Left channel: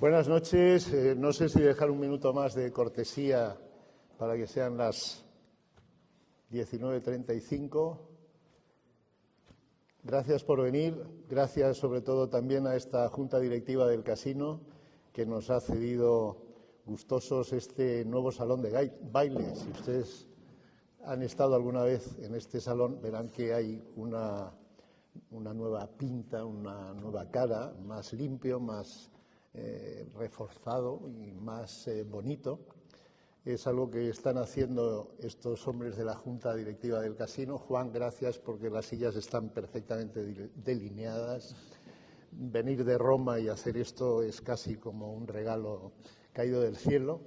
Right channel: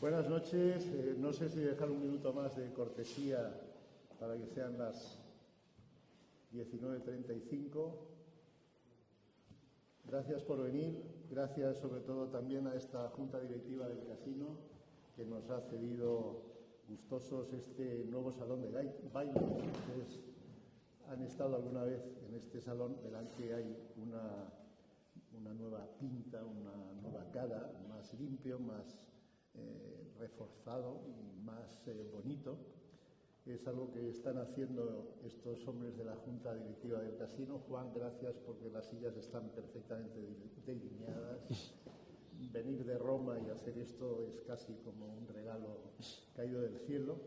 Buenas noches. No sé si dejar un minuto más de cortesía para que sean las 19:35. Gracias por venir. Gracias sobre todo también a esta Junta Directiva del Casino que nos ha cedido gustosos este nuevo salón de baile. Si ustedes han estado alguna vez en este salón, verán que hay una nueva pinta, una nueva cara, más limpio, más reforzado y más bonito. Es algo que están haciendo estos hombres de la Junta Directiva del Casino. Juan, gracias, porque las sillas están perfectamente delineadas. Venir de Roma y hacer esto es casi como un regalo caído del cielo.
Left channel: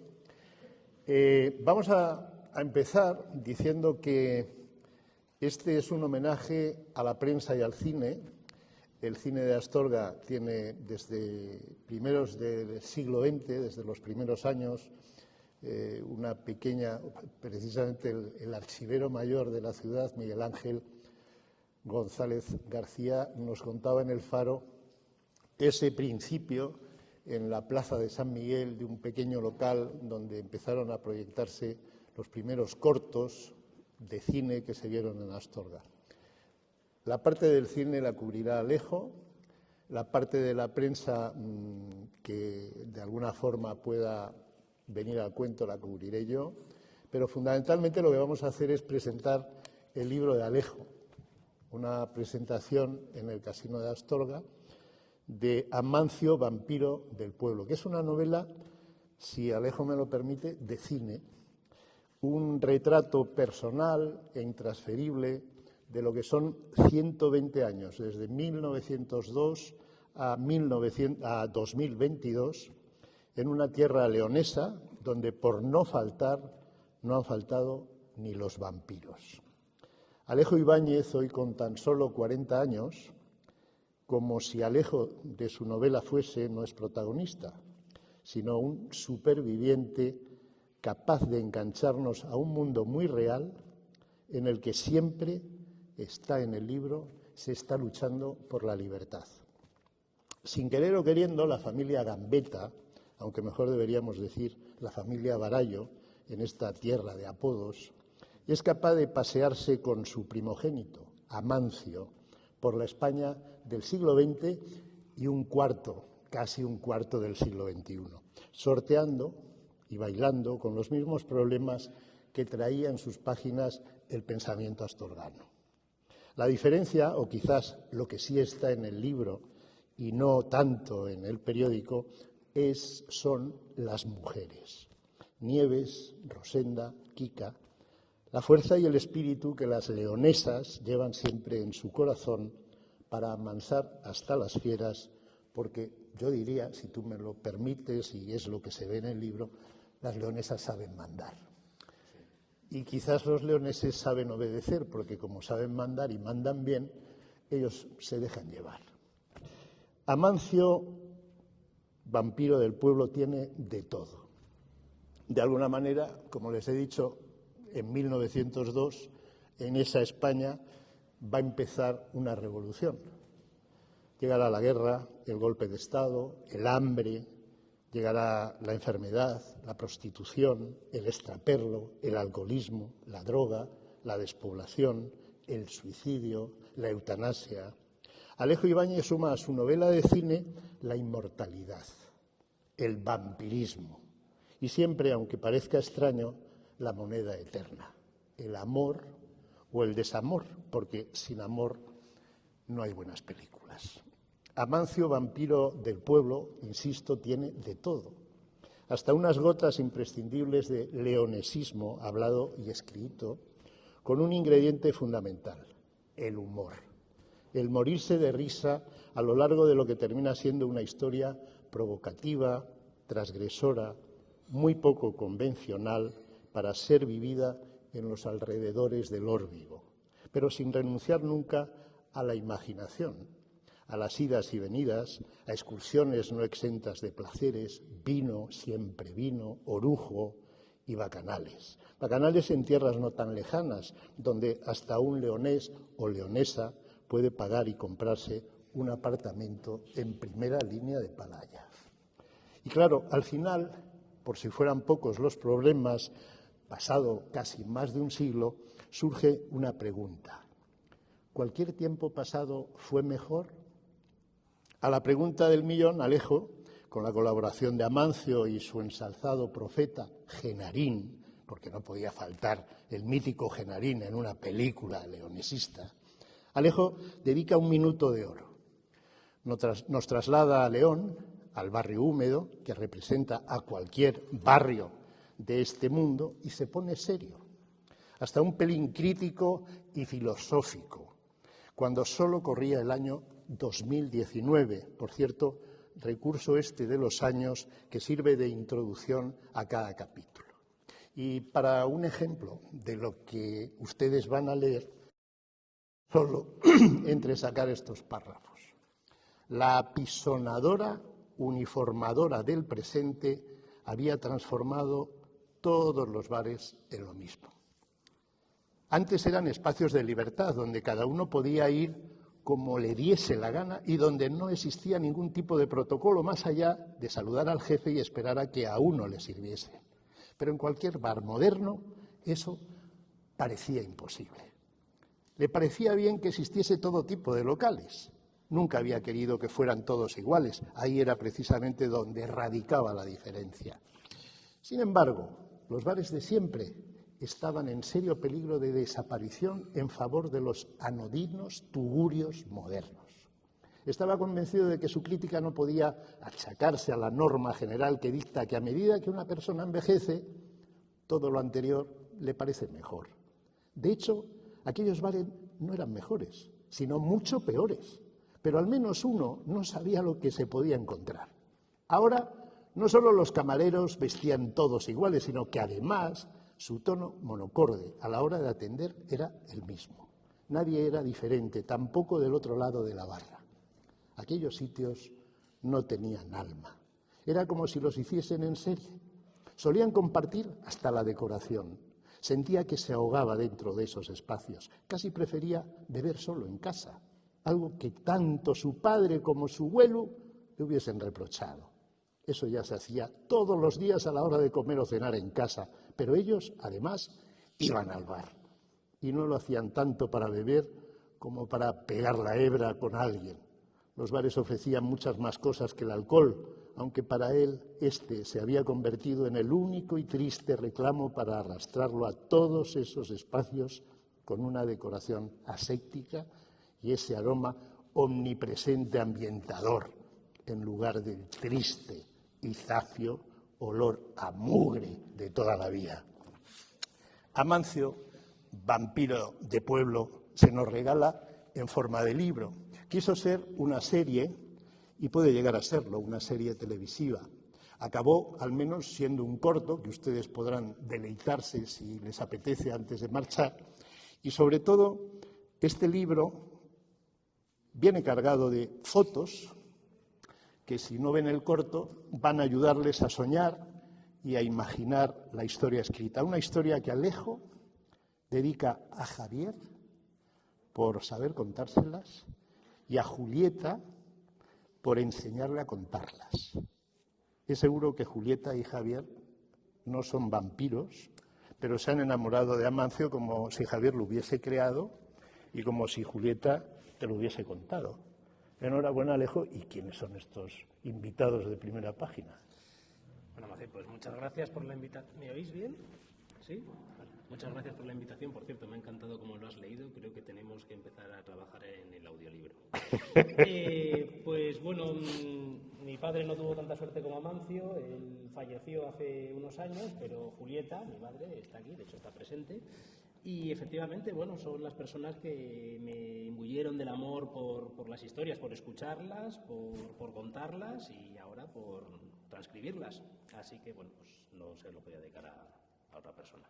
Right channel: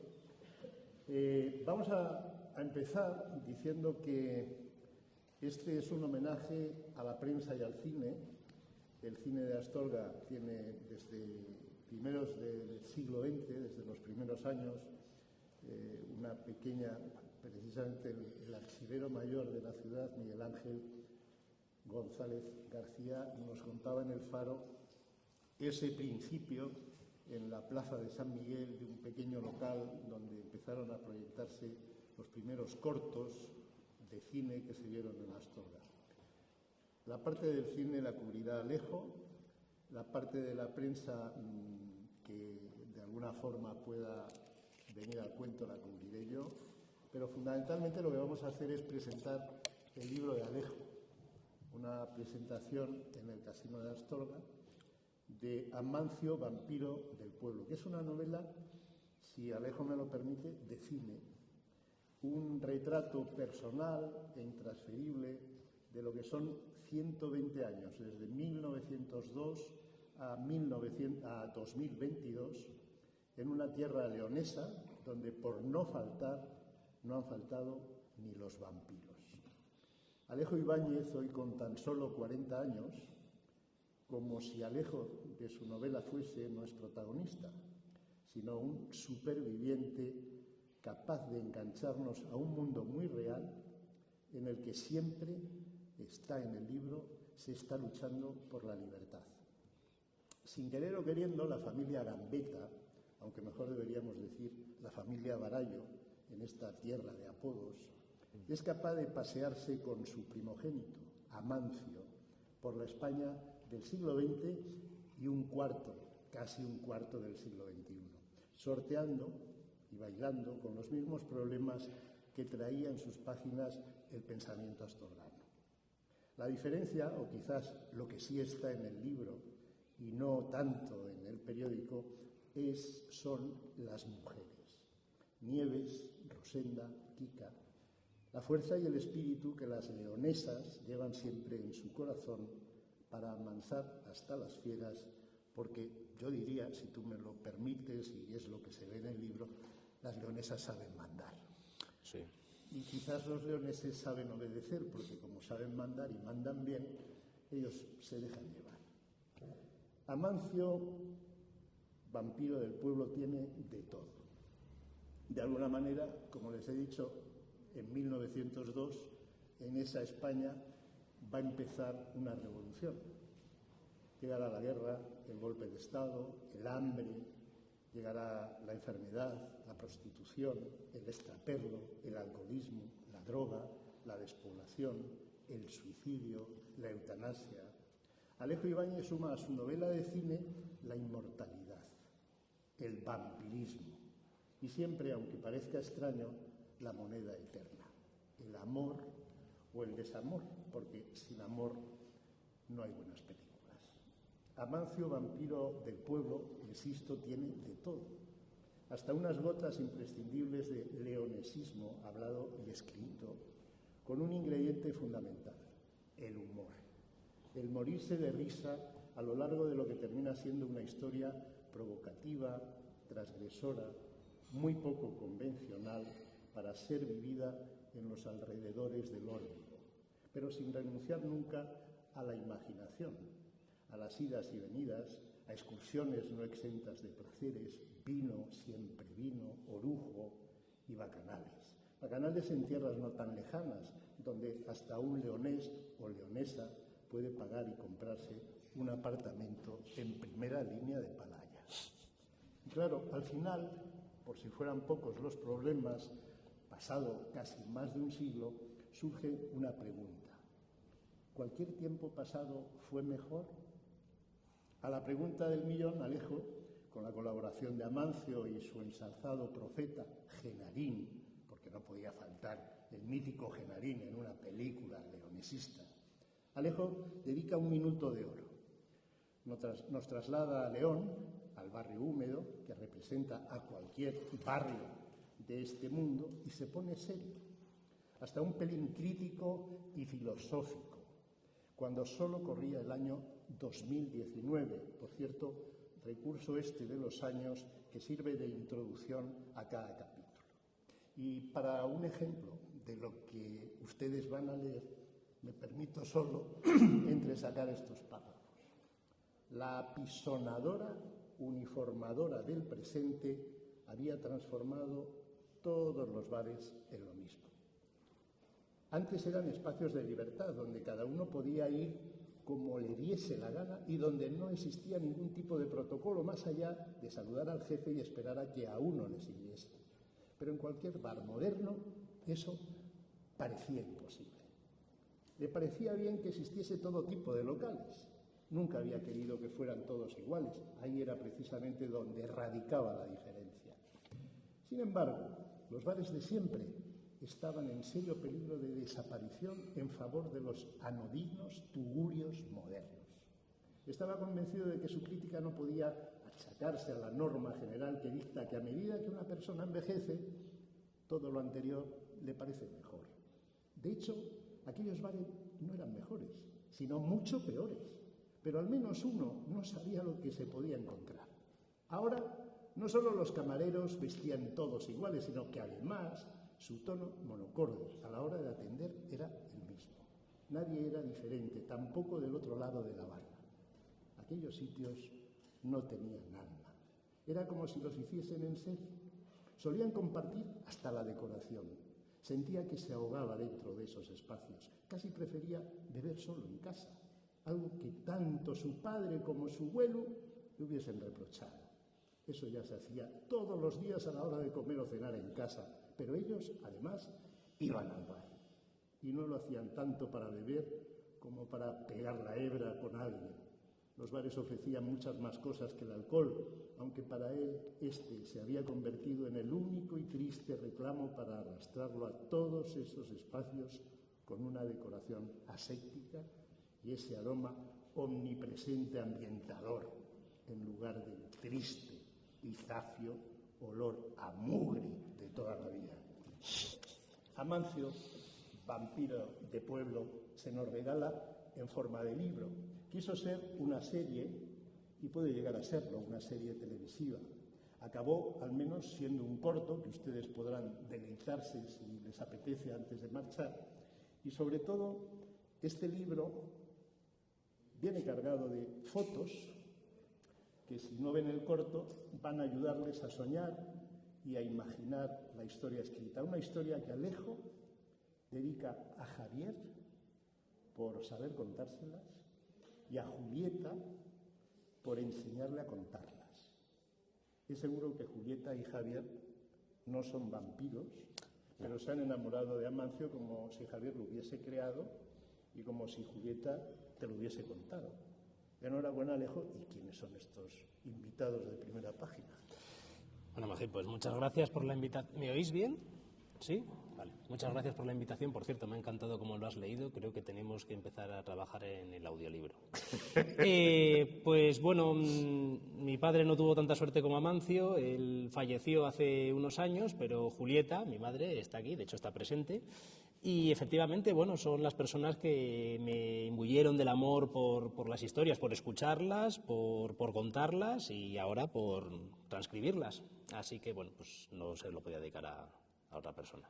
Vamos a empezar diciendo que este es un homenaje a la prensa y al cine. El cine de Astorga tiene desde primeros del siglo XX, desde los primeros años, una pequeña, precisamente el archivero mayor de la ciudad, Miguel Ángel González García, nos contaba en El Faro ese principio en la plaza de San Miguel de un pequeño local donde empezaron a proyectarse los primeros cortos de cine que se vieron en Astorga. La parte del cine la cubrirá Alejo, la parte de la prensa que de alguna forma pueda venir al cuento la cubriré yo, pero fundamentalmente lo que vamos a hacer es presentar el libro de Alejo, una presentación en el Casino de Astorga de Amancio, vampiro del pueblo, que es una novela, si Alejo me lo permite, de cine, un retrato personal e intransferible de lo que son 120 años, desde 1902 a 2022, en una tierra leonesa donde por no faltar, no han faltado ni los vampiros. Alejo Ibáñez, hoy con tan solo 40 años, como si Alejo de su novela fuese, no es protagonista, sino un superviviente capaz de engancharnos a un mundo muy real en el que siempre está en el libro, se está luchando por la libertad. Sin querer o queriendo, la familia Gambetta, aunque mejor deberíamos decir la familia Barallo, en esta tierra de apodos, es capaz de pasearse con su primogénito, Amancio, por la España del siglo XX y casi un cuarto del siglo XXI, sorteando y bailando con los mismos problemas que traía en sus páginas el pensamiento astorgano. La diferencia, o quizás lo que sí está en el libro y no tanto en el periódico, son las mujeres. Nieves, Rosenda, Kika, la fuerza y el espíritu que las leonesas llevan siempre en su corazón para amansar hasta las fieras, porque yo diría, si tú me lo permites, y es lo que se ve en el libro, las leonesas saben mandar. Sí. Y quizás los leoneses saben obedecer, porque como saben mandar y mandan bien, ellos se dejan llevar. Amancio, vampiro del pueblo, tiene de todo. De alguna manera, como les he dicho, en 1902, en esa España, va a empezar una revolución. Llegará la guerra, el golpe de Estado, el hambre, llegará la enfermedad, la prostitución, el extraperlo, el alcoholismo, la droga, la despoblación, el suicidio, la eutanasia. Alejo Ibáñez suma a su novela de cine la inmortalidad, el vampirismo y siempre, aunque parezca extraño, la moneda eterna, el amor o el desamor, porque sin amor no hay buenas películas. Amancio, vampiro del pueblo, insisto, tiene de todo, hasta unas gotas imprescindibles de leonesismo hablado y escrito, con un ingrediente fundamental, el humor, el morirse de risa a lo largo de lo que termina siendo una historia provocativa, transgresora, muy poco convencional para ser vivida en los alrededores del Órbigo, pero sin renunciar nunca a la imaginación, a las idas y venidas, a excursiones no exentas de placeres, vino, siempre vino, orujo y bacanales. Bacanales en tierras no tan lejanas, donde hasta un leonés o leonesa puede pagar y comprarse un apartamento en primera línea de Palayas. Y claro, al final, por si fueran pocos los problemas, pasado casi más de un siglo, surge una pregunta. ¿Cualquier tiempo pasado fue mejor? A la pregunta del millón, Alejo, con la colaboración de Amancio y su ensalzado profeta Genarín, porque no podía faltar el mítico Genarín en una película leonesista, Alejo dedica 1 minuto de oro. Nos traslada a León, al barrio húmedo, que representa a cualquier barrio de este mundo, y se pone serio, hasta un pelín crítico y filosófico, cuando solo corría el año 2019, por cierto, recurso este de los años que sirve de introducción a cada capítulo. Y para un ejemplo de lo que ustedes van a leer, me permito solo entresacar estos párrafos. La apisonadora uniformadora del presente había transformado todos los bares en lo mismo. Antes eran espacios de libertad, donde cada uno podía ir como le diese la gana y donde no existía ningún tipo de protocolo más allá de saludar al jefe y esperar a que a uno le sirviese. Pero en cualquier bar moderno eso parecía imposible. Le parecía bien que existiese todo tipo de locales. Nunca había querido que fueran todos iguales. Ahí era precisamente donde radicaba la diferencia. Sin embargo, los bares de siempre estaban en serio peligro de desaparición en favor de los anodinos tugurios modernos. Estaba convencido de que su crítica no podía achacarse a la norma general que dicta que a medida que una persona envejece, todo lo anterior le parece mejor. De hecho, aquellos bares no eran mejores, sino mucho peores, pero al menos uno no sabía lo que se podía encontrar. Ahora, no solo los camareros vestían todos iguales, sino que además su tono monocorde a la hora de atender era el mismo. Nadie era diferente, tampoco del otro lado de la barra. Aquellos sitios no tenían alma. Era como si los hiciesen en serie. Solían compartir hasta la decoración. Sentía que se ahogaba dentro de esos espacios. Casi prefería beber solo en casa, algo que tanto su padre como su abuelo le hubiesen reprochado. Eso ya se hacía todos los días a la hora de comer o cenar en casa, pero ellos, además, iban al bar. Y no lo hacían tanto para beber como para pegar la hebra con alguien. Los bares ofrecían muchas más cosas que el alcohol, aunque para él este se había convertido en el único y triste reclamo para arrastrarlo a todos esos espacios con una decoración aséptica y ese aroma omnipresente ambientador, en lugar del triste y zafio olor a mugre de toda la vida. Amancio, vampiro de pueblo, se nos regala en forma de libro. Quiso ser una serie, y puede llegar a serlo, una serie televisiva. Acabó, al menos, siendo un corto, que ustedes podrán deleitarse si les apetece antes de marchar. Y, sobre todo, este libro viene cargado de fotos que, si no ven el corto, van a ayudarles a soñar y a imaginar la historia escrita. Una historia que Alejo dedica a Javier por saber contárselas y a Julieta por enseñarle a contarlas. Es seguro que Julieta y Javier no son vampiros, pero se han enamorado de Amancio como si Javier lo hubiese creado y como si Julieta te lo hubiese contado. Enhorabuena, Alejo. ¿Y quiénes son estos invitados de primera página? Bueno, Magín, pues muchas gracias por la invitación. ¿Me oís bien? ¿Sí? Vale. Muchas gracias por la invitación. Por cierto, me ha encantado cómo lo has leído. Creo que tenemos que empezar a trabajar en el audiolibro. Pues bueno, mi padre no tuvo tanta suerte como Amancio. Él falleció hace unos años, pero Julieta, mi madre, está aquí, de hecho está presente. Y efectivamente, bueno, son las personas que me imbuyeron del amor por las historias, por escucharlas, por contarlas y ahora por transcribirlas. Así que, bueno, pues no se lo podía dedicar a otra persona.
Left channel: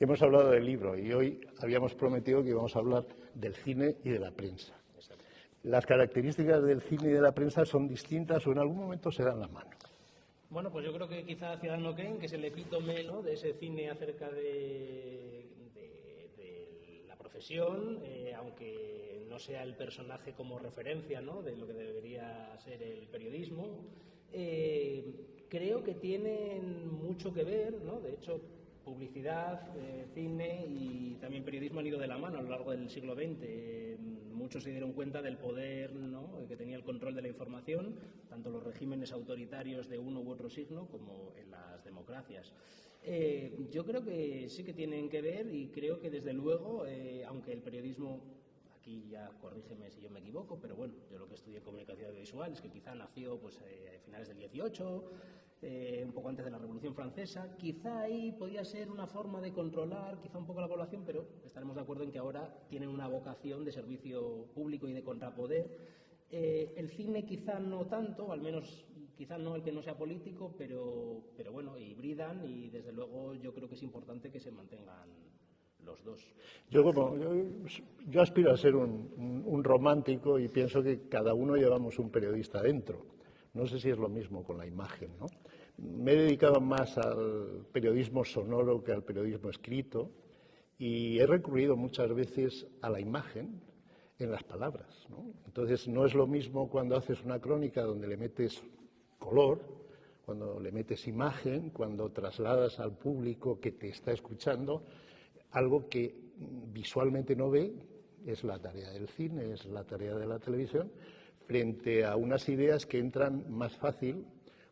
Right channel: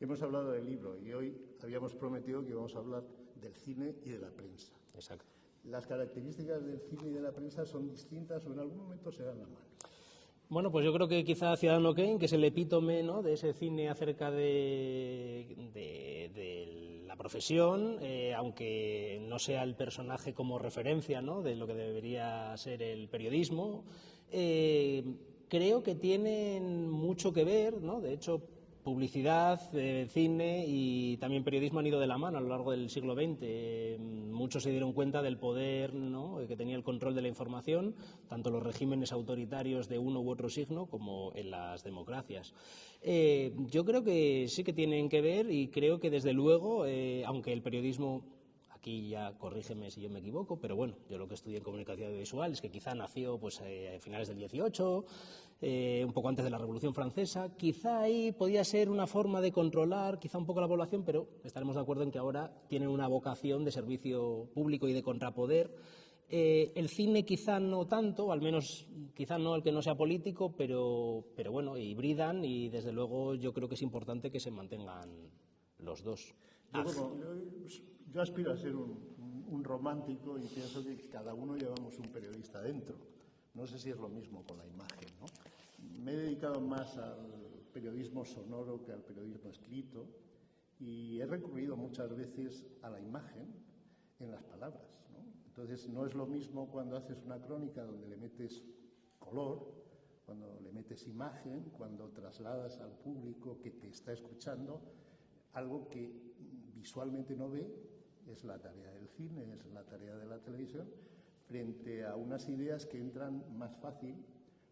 Hemos hablado del libro y hoy habíamos prometido que íbamos a hablar del cine y de la prensa. Exacto. ¿Las características del cine y de la prensa son distintas o en algún momento se dan la mano? Bueno, pues yo creo que quizá Ciudadano Kane, que es el epítome, ¿no?, de ese cine acerca de la profesión, aunque no sea el personaje como referencia, ¿no?, de lo que debería ser el periodismo, creo que tienen mucho que ver, ¿no? De hecho, publicidad, cine y también periodismo han ido de la mano a lo largo del siglo XX. Muchos se dieron cuenta del poder, ¿no?, que tenía el control de la información, tanto los regímenes autoritarios de uno u otro signo como en las democracias. Yo creo que sí que tienen que ver y creo que desde luego, aunque el periodismo, aquí ya corrígeme si yo me equivoco, pero bueno, yo lo que estudié en comunicación audiovisual es que quizá nació pues, a finales del 18, un poco antes de la Revolución Francesa. Quizá ahí podía ser una forma de controlar quizá un poco la población, pero estaremos de acuerdo en que ahora tienen una vocación de servicio público y de contrapoder. El cine quizá no tanto, al menos quizá no el que no sea político, pero bueno, hibridan y desde luego yo creo que es importante que se mantengan los dos. Yo aspiro a ser un romántico y pienso que cada uno llevamos un periodista dentro. No sé si es lo mismo con la imagen, ¿no? Me he dedicado más al periodismo sonoro que al periodismo escrito y he recurrido muchas veces a la imagen en las palabras, ¿no? Entonces, no es lo mismo cuando haces una crónica donde le metes color, cuando le metes imagen, cuando trasladas al público que te está escuchando algo que visualmente no ve. Es la tarea del cine, es la tarea de la televisión, frente a unas ideas que entran más fácil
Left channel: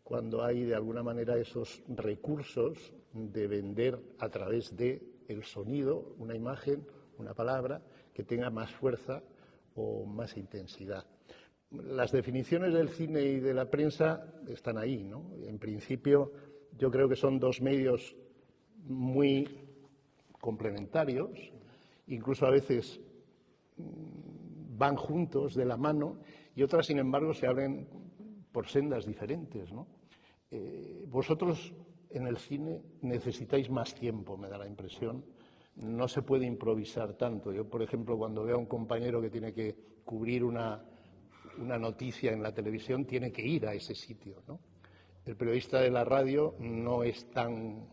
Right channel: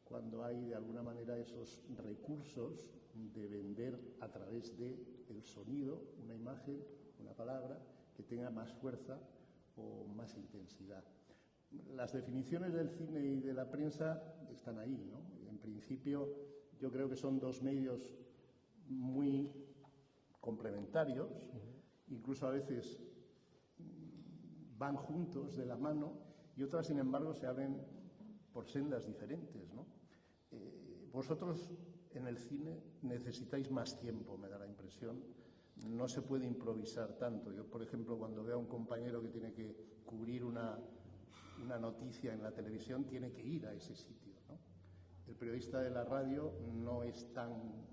cuando hay de alguna manera esos recursos de vender a través del sonido, una imagen, una palabra que tenga más fuerza o más intensidad. Las definiciones del cine y de la prensa están ahí, ¿no? En principio, yo creo que son dos medios muy complementarios, incluso a veces van juntos de la mano y otras, sin embargo, se abren por sendas diferentes, ¿no? Vosotros en el cine necesitáis más tiempo, me da la impresión. No se puede improvisar tanto. Yo, por ejemplo, cuando veo a un compañero que tiene que cubrir una noticia en la televisión, tiene que ir a ese sitio, ¿no? El periodista de la radio no es tan...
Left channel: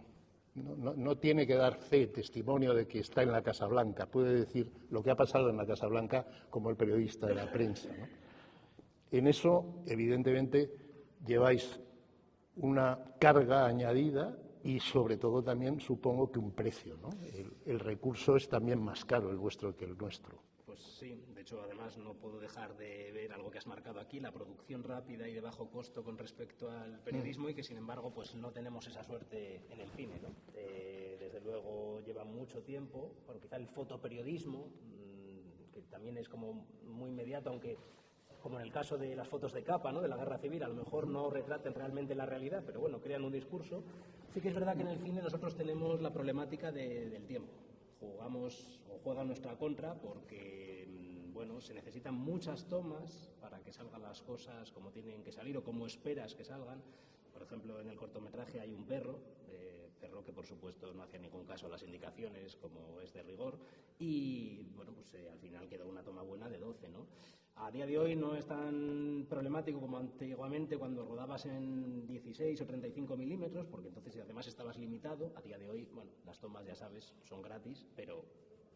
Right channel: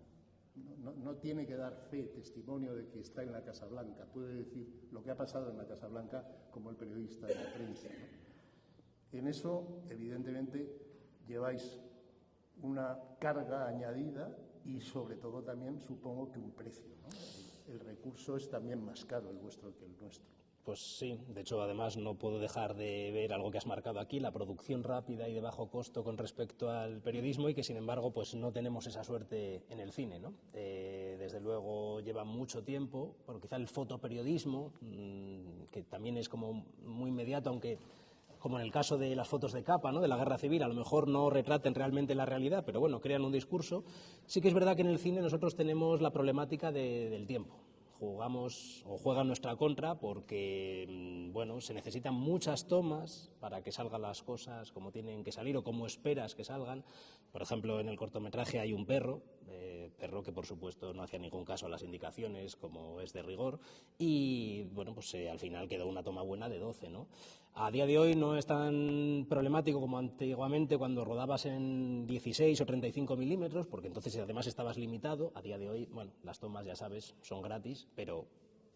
No tiene que dar fe, testimonio de que está en la Casa Blanca. Puede decir lo que ha pasado en la Casa Blanca como el periodista de la prensa, ¿no? En eso, evidentemente, lleváis una carga añadida y, sobre todo, también supongo que un precio, ¿no? El recurso es también más caro el vuestro que el nuestro. Pues sí, de hecho, además no puedo dejar de ver algo que has marcado aquí, la producción rápida y de bajo costo con respecto al periodismo, y que sin embargo pues no tenemos esa suerte en el cine, ¿no? Desde luego lleva mucho tiempo, bueno, quizá el fotoperiodismo, que también es como muy inmediato, aunque como en el caso de las fotos de capa, ¿no?, de la guerra civil, a lo mejor no retraten realmente la realidad, pero bueno, crean un discurso. Sí que es verdad que en el cine nosotros tenemos la problemática del tiempo. Jugamos o juega en nuestra contra porque, bueno, se necesitan muchas tomas para que salgan las cosas como tienen que salir o como esperas que salgan. Por ejemplo, en el cortometraje hay un perro que por supuesto no hacía ningún caso a las indicaciones, como es de rigor, y bueno, pues al final quedó una toma buena de 12, ¿no? A día de hoy no es tan problemático como antiguamente cuando rodabas en 16 o 35 milímetros, porque entonces además estabas limitado. A día de hoy, bueno, las tomas, ya sabes, son gratis, pero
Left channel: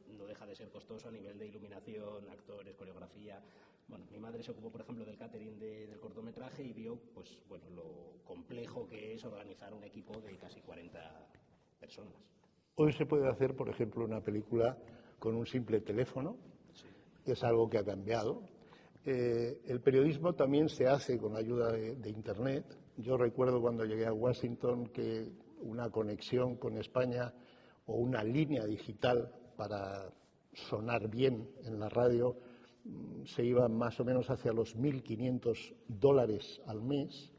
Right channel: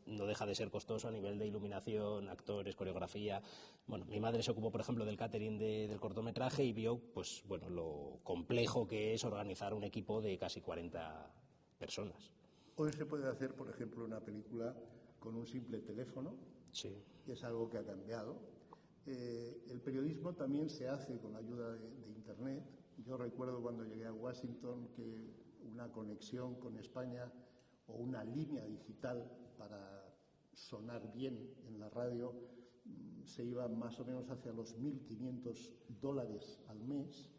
no deja de ser costoso a nivel de iluminación, actores, coreografía. Bueno, mi madre se ocupó, por ejemplo, del catering del cortometraje y vio, pues, bueno, lo complejo que es organizar un equipo de casi 40 personas. Hoy se puede hacer, por ejemplo, una película con un simple teléfono. Sí. Es algo que ha cambiado. El periodismo también se hace con ayuda de Internet. Yo recuerdo cuando llegué a Washington que una conexión con España o una línea digital para sonar bien en la radio se iba más o menos hacia los $1.500 al mes.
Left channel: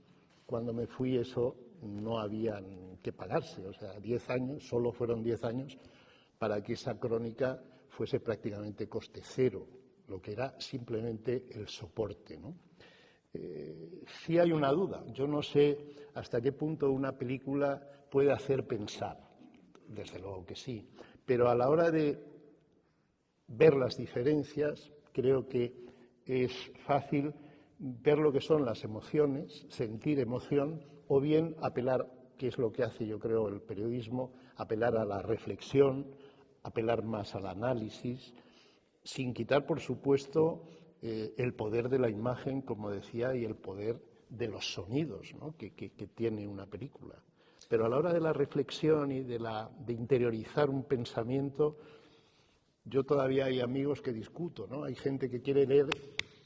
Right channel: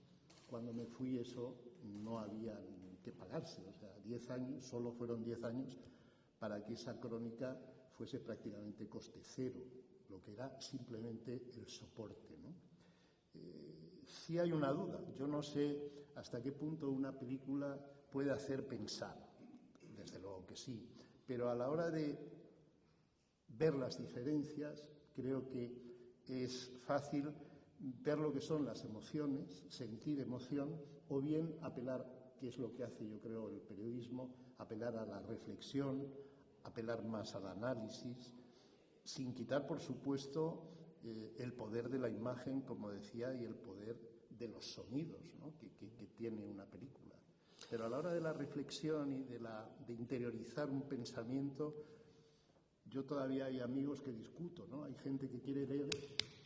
Cuando me fui eso no había que pagarse, o sea, 10 años, solo fueron 10 años para que esa crónica fuese prácticamente coste cero, lo que era simplemente el soporte, ¿no? Sí hay una duda. Yo no sé hasta qué punto una película puede hacer pensar. Desde luego que sí. Pero a la hora de ver las diferencias, creo que es fácil ver lo que son las emociones, sentir emoción, o bien apelar, que es lo que hace, yo creo, el periodismo, apelar a la reflexión, apelar más al análisis, sin quitar, por supuesto, el poder de la imagen, como decía, y el poder de los sonidos, ¿no?, que tiene una película. Pero a la hora de la reflexión y de interiorizar un pensamiento, yo todavía hay amigos que discuto, ¿no? Hay gente que quiere leer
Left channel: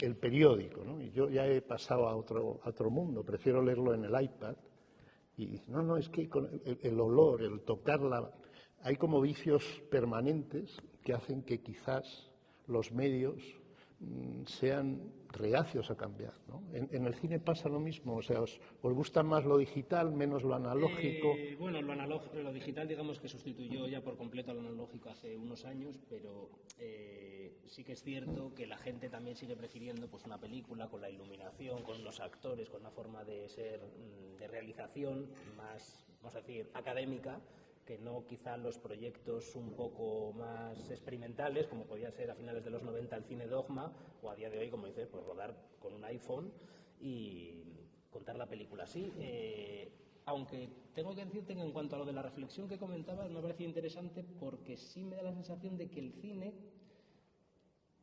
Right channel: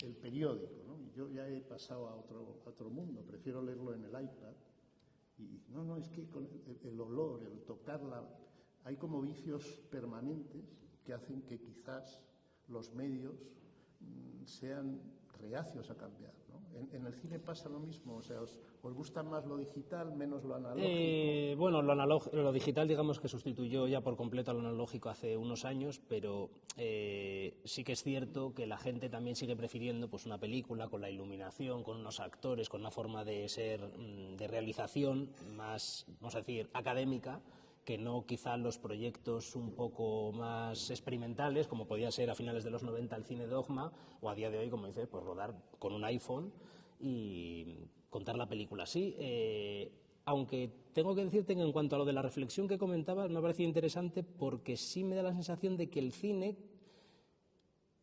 el periódico, ¿no? Y yo ya he pasado a otro mundo, prefiero leerlo en el iPad. Y no, es que con el olor, el tocarla, hay como vicios permanentes que hacen que quizás los medios sean reacios a cambiar, ¿no? En el cine pasa lo mismo, o sea, ¿os gusta más lo digital, menos lo analógico? Bueno, lo digital, digamos que sustituyó ya por completo al analógico hace unos años, pero sí que es cierto que la gente también sigue prefiriendo pues una película con la iluminación, con unos actores, con una forma de ser, de realización más, vamos a decir, académica, que no quizá los proyectos un poco más experimentales, como podía ser a finales de los 90 el cine Dogma, o a día de hoy, como dice, pues rodar con un iPhone y contar la película así. Aunque tengo que decirte que en cuanto a lo de la reflexión que comentabas, me ha parecido interesante porque sí me da la sensación de que el cine,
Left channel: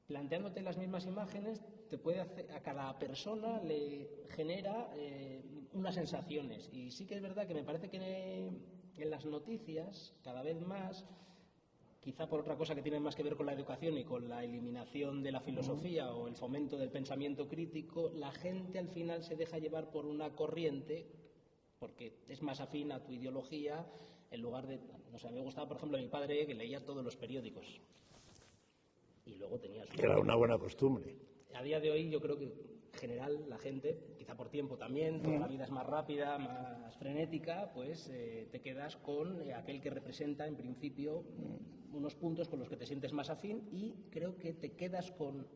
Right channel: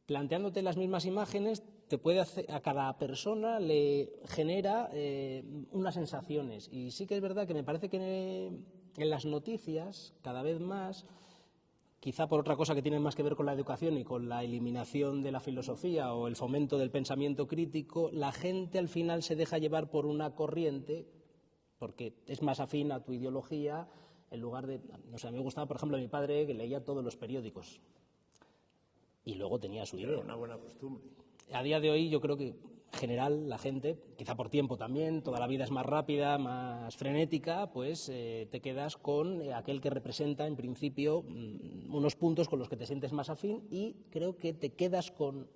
planteándote las mismas imágenes, te puede hacer, a cada persona le genera unas sensaciones. Y sí que es verdad que me parece que en las noticias, cada vez más, quizá por otra cosa que tiene más que ver con la educación y con la eliminación de la filosofía o el fomento del pensamiento crítico, la gente al final se deja llevar por una corriente porque es más afín a tu ideología, en lugar de... O sea, a mí me gustaba, por ejemplo, mi padre, que leía todos los periódicos y luego tenía su... Era una buena costumbre. A día de hoy yo creo que en general la gente, quizá por tiempo también, toda la vida es más rápida, más frenética, pues te quedas con aquel que representa en principio unos puntos con los que te sientes más afín y creo que te quedas con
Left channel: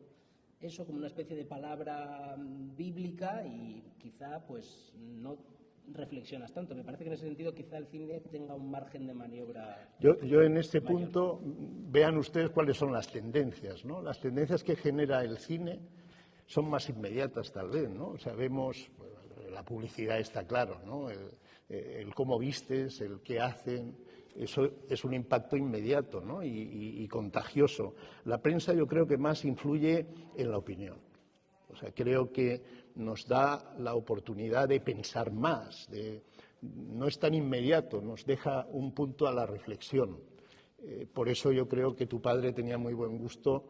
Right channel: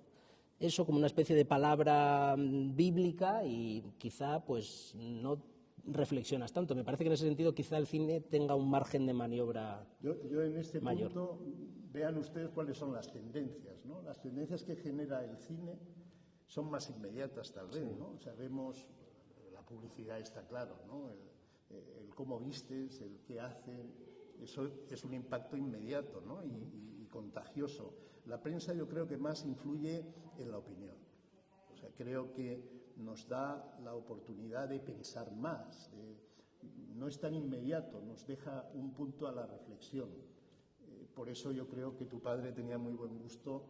eso como una especie de palabra bíblica y quizá pues no reflexionas tanto. Me parece que en ese sentido quizá el cine tenga un margen de maniobra. Yo en este mayor. punto, vean ustedes cuáles son las tendencias, ¿no? Las tendencias que genera el cine son más inmediatas tal vez, ¿no? O sea, vemos, la publicidad está claro, ¿no? El cómo vistes, el qué hacen, eso es un impacto inmediato, ¿no? y contagioso. La prensa yo creo que más influye en la opinión. O sea, creo que nos da la oportunidad de pensar más, no es tan inmediato, nos deja un punto a la reflexión. Por eso yo creo que tu padre tenía muy buen gusto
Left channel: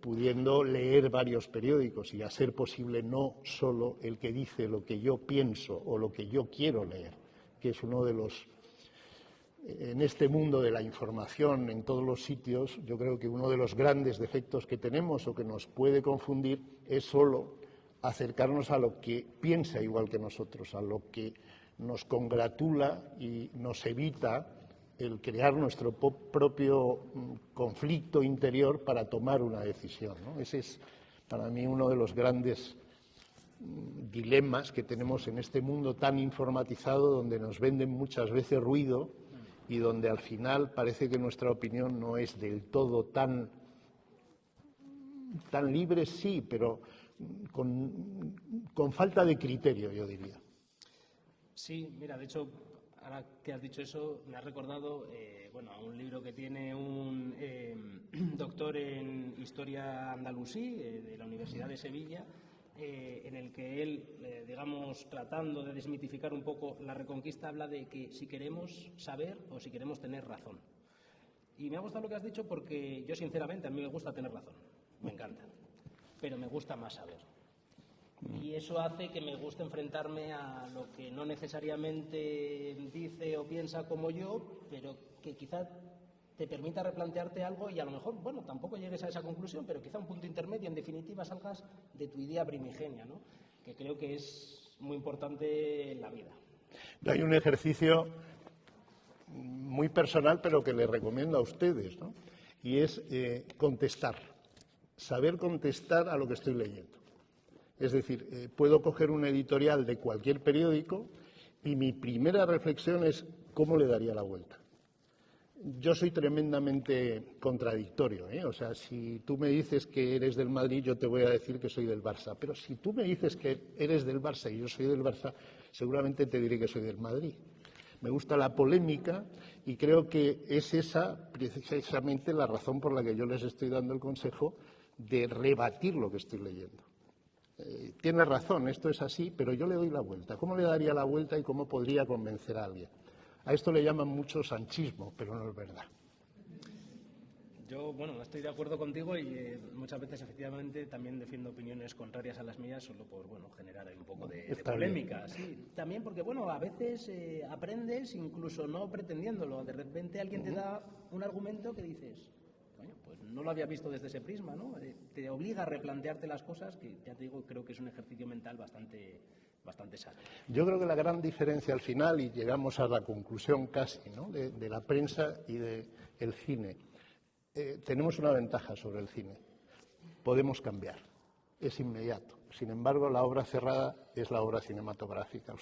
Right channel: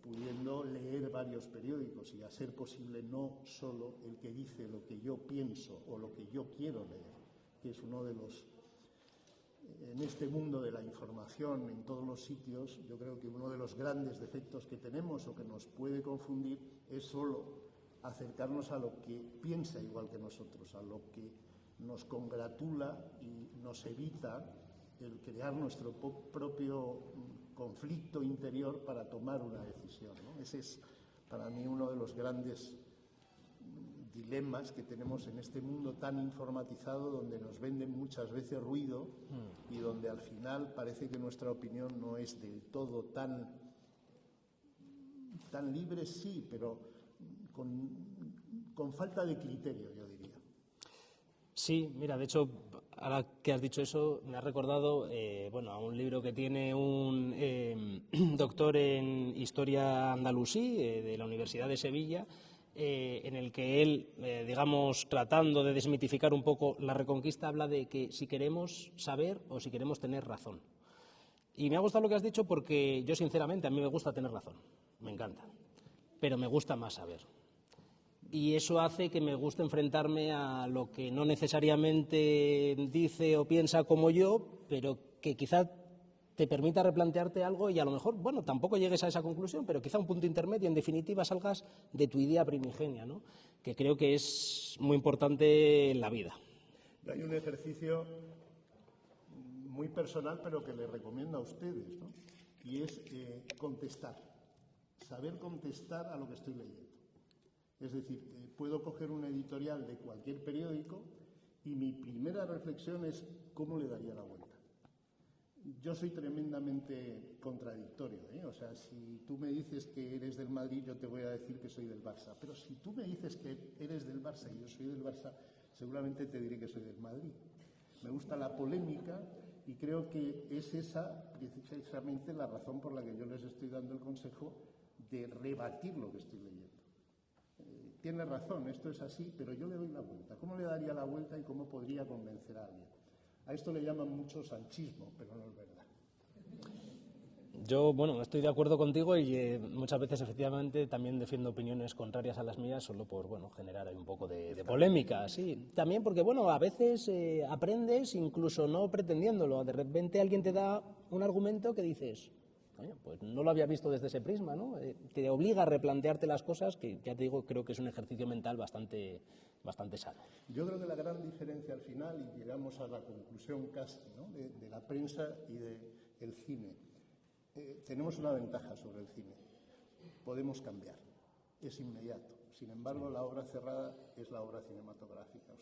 pudiendo leer varios periódicos y a ser posible no solo el que dice lo que yo pienso o lo que yo quiero leer, que es uno de los... En este mundo de la información en todos los sitios, yo creo que uno de los grandes defectos que tenemos o que nos puede confundir es solo acercarnos a lo que piensa igual que nosotros, a lo que nos congratula y nos evita el crear nuestro propio conflicto interior para tomar una decisión, ¿no? Ese es para mí uno de los grandes dilemas que tenemos en este mundo tan informatizado, donde nos venden muchas veces ruido y donde al final parece que nuestra opinión no es del todo tan libre, sí, pero con falta de criterio, yo diría. Sí, mira, de hecho, ahora que has dicho eso, me ha recordado a un libro que tiene un doctor en Historia andalusí de la Universidad de Sevilla, en el que él, digamos, tratando de desmitificar un poco la Reconquista, habla de que si queremos saber o si queremos tener razón. Y me ha gustado lo que has dicho porque yo, sinceramente, a mí me gusta tener razón, me encanta, pero me gusta más saber. Y eso hace que me guste enfrentarme a lo que no necesariamente dice o piensa como yo, pero que quizá te permita replantearte algo y a lo mejor, bueno, tampoco llegues a esa conclusión, pero quizá un punto intermedio, en definitiva salgas de tu idea primigenia, ¿no? Que creo que es muy importante en la vida. Hay un ejercicio muy personal, pero que les recomiendo a ustedes, ¿no? Y es contestar, saber contestar a lo que estoy leyendo. Es decir, puedo coger un editorial de cualquier periódico y mi primera reflexión es cómo le daría la vuelta. Yo soy tremendamente contradictorio, ¿eh? O sea, si tú me dices que eres del Madrid, yo te voy a decir que soy del Barça. Pero si tú me dices que eres del Barça y yo soy del Barça, seguramente te diré que soy del Madrid. Me gusta la polémica y creo que es esa precisamente la razón por la que yo les estoy dando el consejo de rebatir lo que estoy leyendo. tiene razón, esto es así, pero yo le doy la vuelta. ¿Cómo le daría la vuelta y cómo podría convencer a alguien? A esto le llaman mucho sanchismo, pero no es verdad. Yo, bueno, estoy de acuerdo contigo y muchas veces, efectivamente, también defiendo opiniones contrarias a las mías solo por, bueno, generar ahí un poco de polémica. Sí, también porque, bueno, a veces aprendes incluso no pretendiéndolo. De repente alguien te da un argumento que dices, coño, pues no lo había visto desde ese prisma, ¿no? Te obliga a replantearte las cosas, que ya te digo, creo que es un ejercicio mental bastante sano. Yo creo que la gran diferencia al final, y llegamos a la conclusión casi, ¿no?, de la prensa y del cine, tenemos una ventaja sobre el cine. Podemos cambiar, es inmediato. Sin embargo, la obra cerrada es la obra cinematográfica.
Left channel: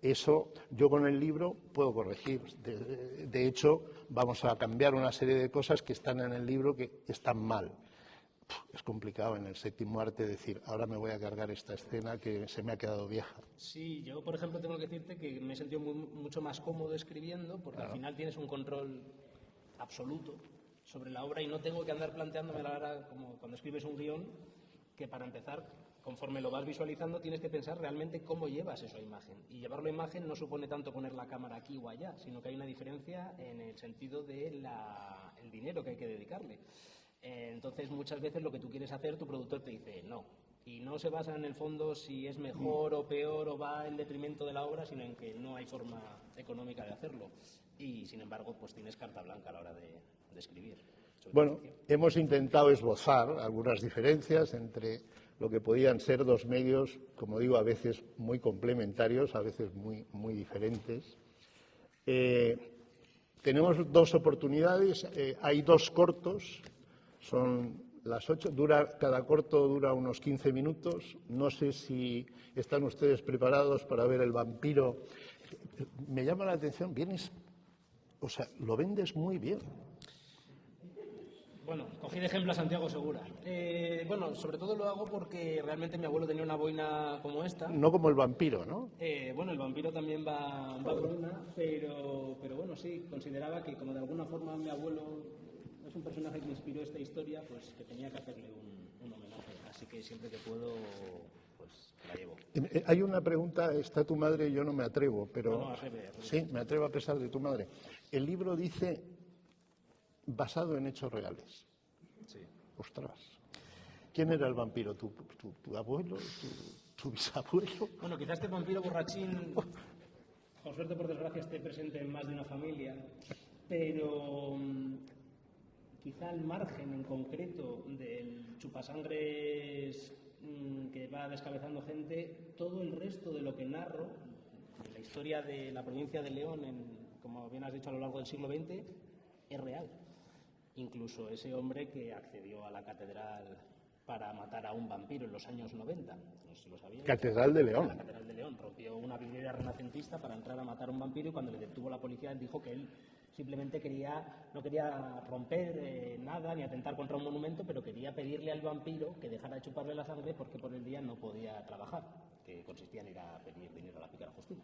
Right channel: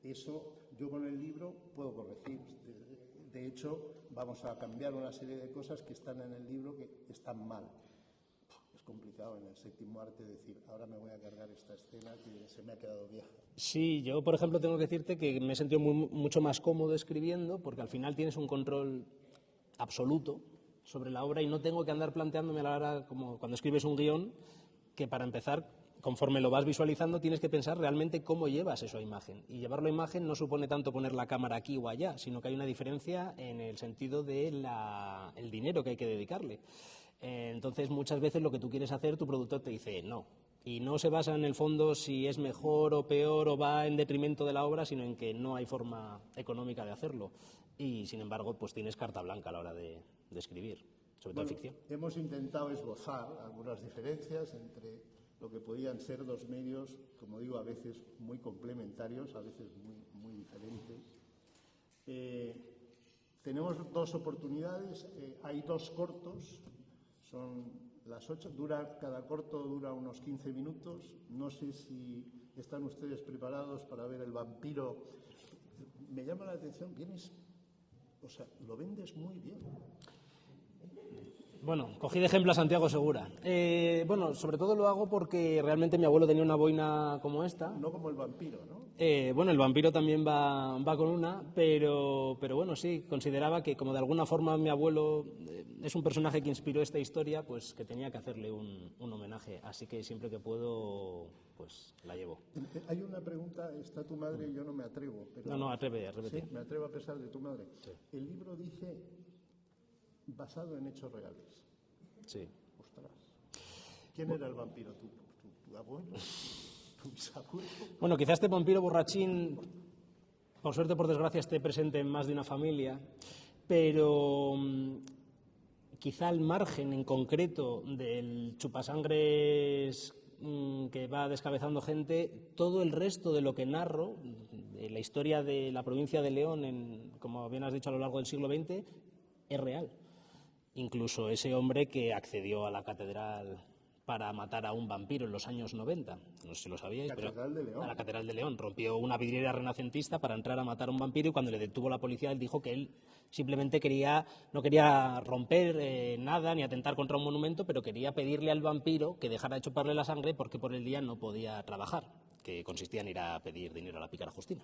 Eso yo con el libro puedo corregir. De hecho, vamos a cambiar una serie de cosas que están en el libro que están mal. Es complicado en el séptimo arte decir, ahora me voy a cargar esta escena que se me ha quedado vieja. Sí, yo, por ejemplo, tengo que decirte que me he sentido mucho más cómodo escribiendo, porque al final tienes un control absoluto sobre la obra y no tengo que andar planteándome a la hora, como cuando escribes un guión, que para empezar, conforme lo vas visualizando, tienes que pensar realmente cómo llevas eso a imagen. Y llevarlo a imagen no supone tanto poner la cámara aquí o allá, sino que hay una diferencia en el sentido del dinero que hay que dedicarle. Entonces, muchas veces lo que tú quieres hacer, tu productor te dice no. Y no se basa en el fondo si es mejor o peor o va en detrimento de la obra, sino en que no hay forma económica de hacerlo. Y, sin embargo, pues tienes carta blanca a la hora de escribir. Bueno, hemos intentado esbozar algunas diferencias entre lo que podían ser dos medios, como digo, a veces muy complementarios, a veces muy diferentes. Tenemos dos oportunidades, hay dos cortos, son las 8, cada corto dura unos 15 minutos. No sé si están ustedes preparados para ver El vampiro. Me llama la atención, lo vendes muy bien. Bueno, cogí de ejemplo a Santiago Segura. Bueno, sobre todo lo hago porque realmente mi abuelo tenía una boina como esta. No como El vampiro, ¿no? Bueno, El vampiro también va con una, pero bueno, sí, consideraba que como de alguna forma mi abuelo es un personaje que inspiró esta historia, pues que tenía que hacerle un homenaje. Así que siempre que puedo, pues la llevo. Hay una pregunta, ¿está tu madre? Yo no me atrevo, pero... No, atreve. Sí, me atrevo a pesar de tu madre. El libro dice basado en hechos reales. Sí. Ostras. ¿Quién era el vampiro? ¿Tu abuelo? ¿Tu bisabuelo? Bueno, quizás este vampiro borrachín, por suerte o por desgracia, esté presente en más de una familia, pero quizá al margen en concreto del chupasangres que va descabezando gente, todo el resto de lo que narro, de la historia de la provincia de León, como bien has dicho, a lo largo del siglo XX, es real. Incluso ese hombre que accedió a la catedral para matar a un vampiro en los años 90, no sé si lo sabíais. Catedral de León. La Catedral de León rompió una vidriera renacentista para entrar a matar a un vampiro y cuando le detuvo la policía él dijo que él simplemente no quería romper nada ni atentar contra un monumento, pero quería pedirle al vampiro que dejara de chuparle la sangre porque por el día no podía trabajar, que consistía en ir a pedir dinero a la pícara Justina.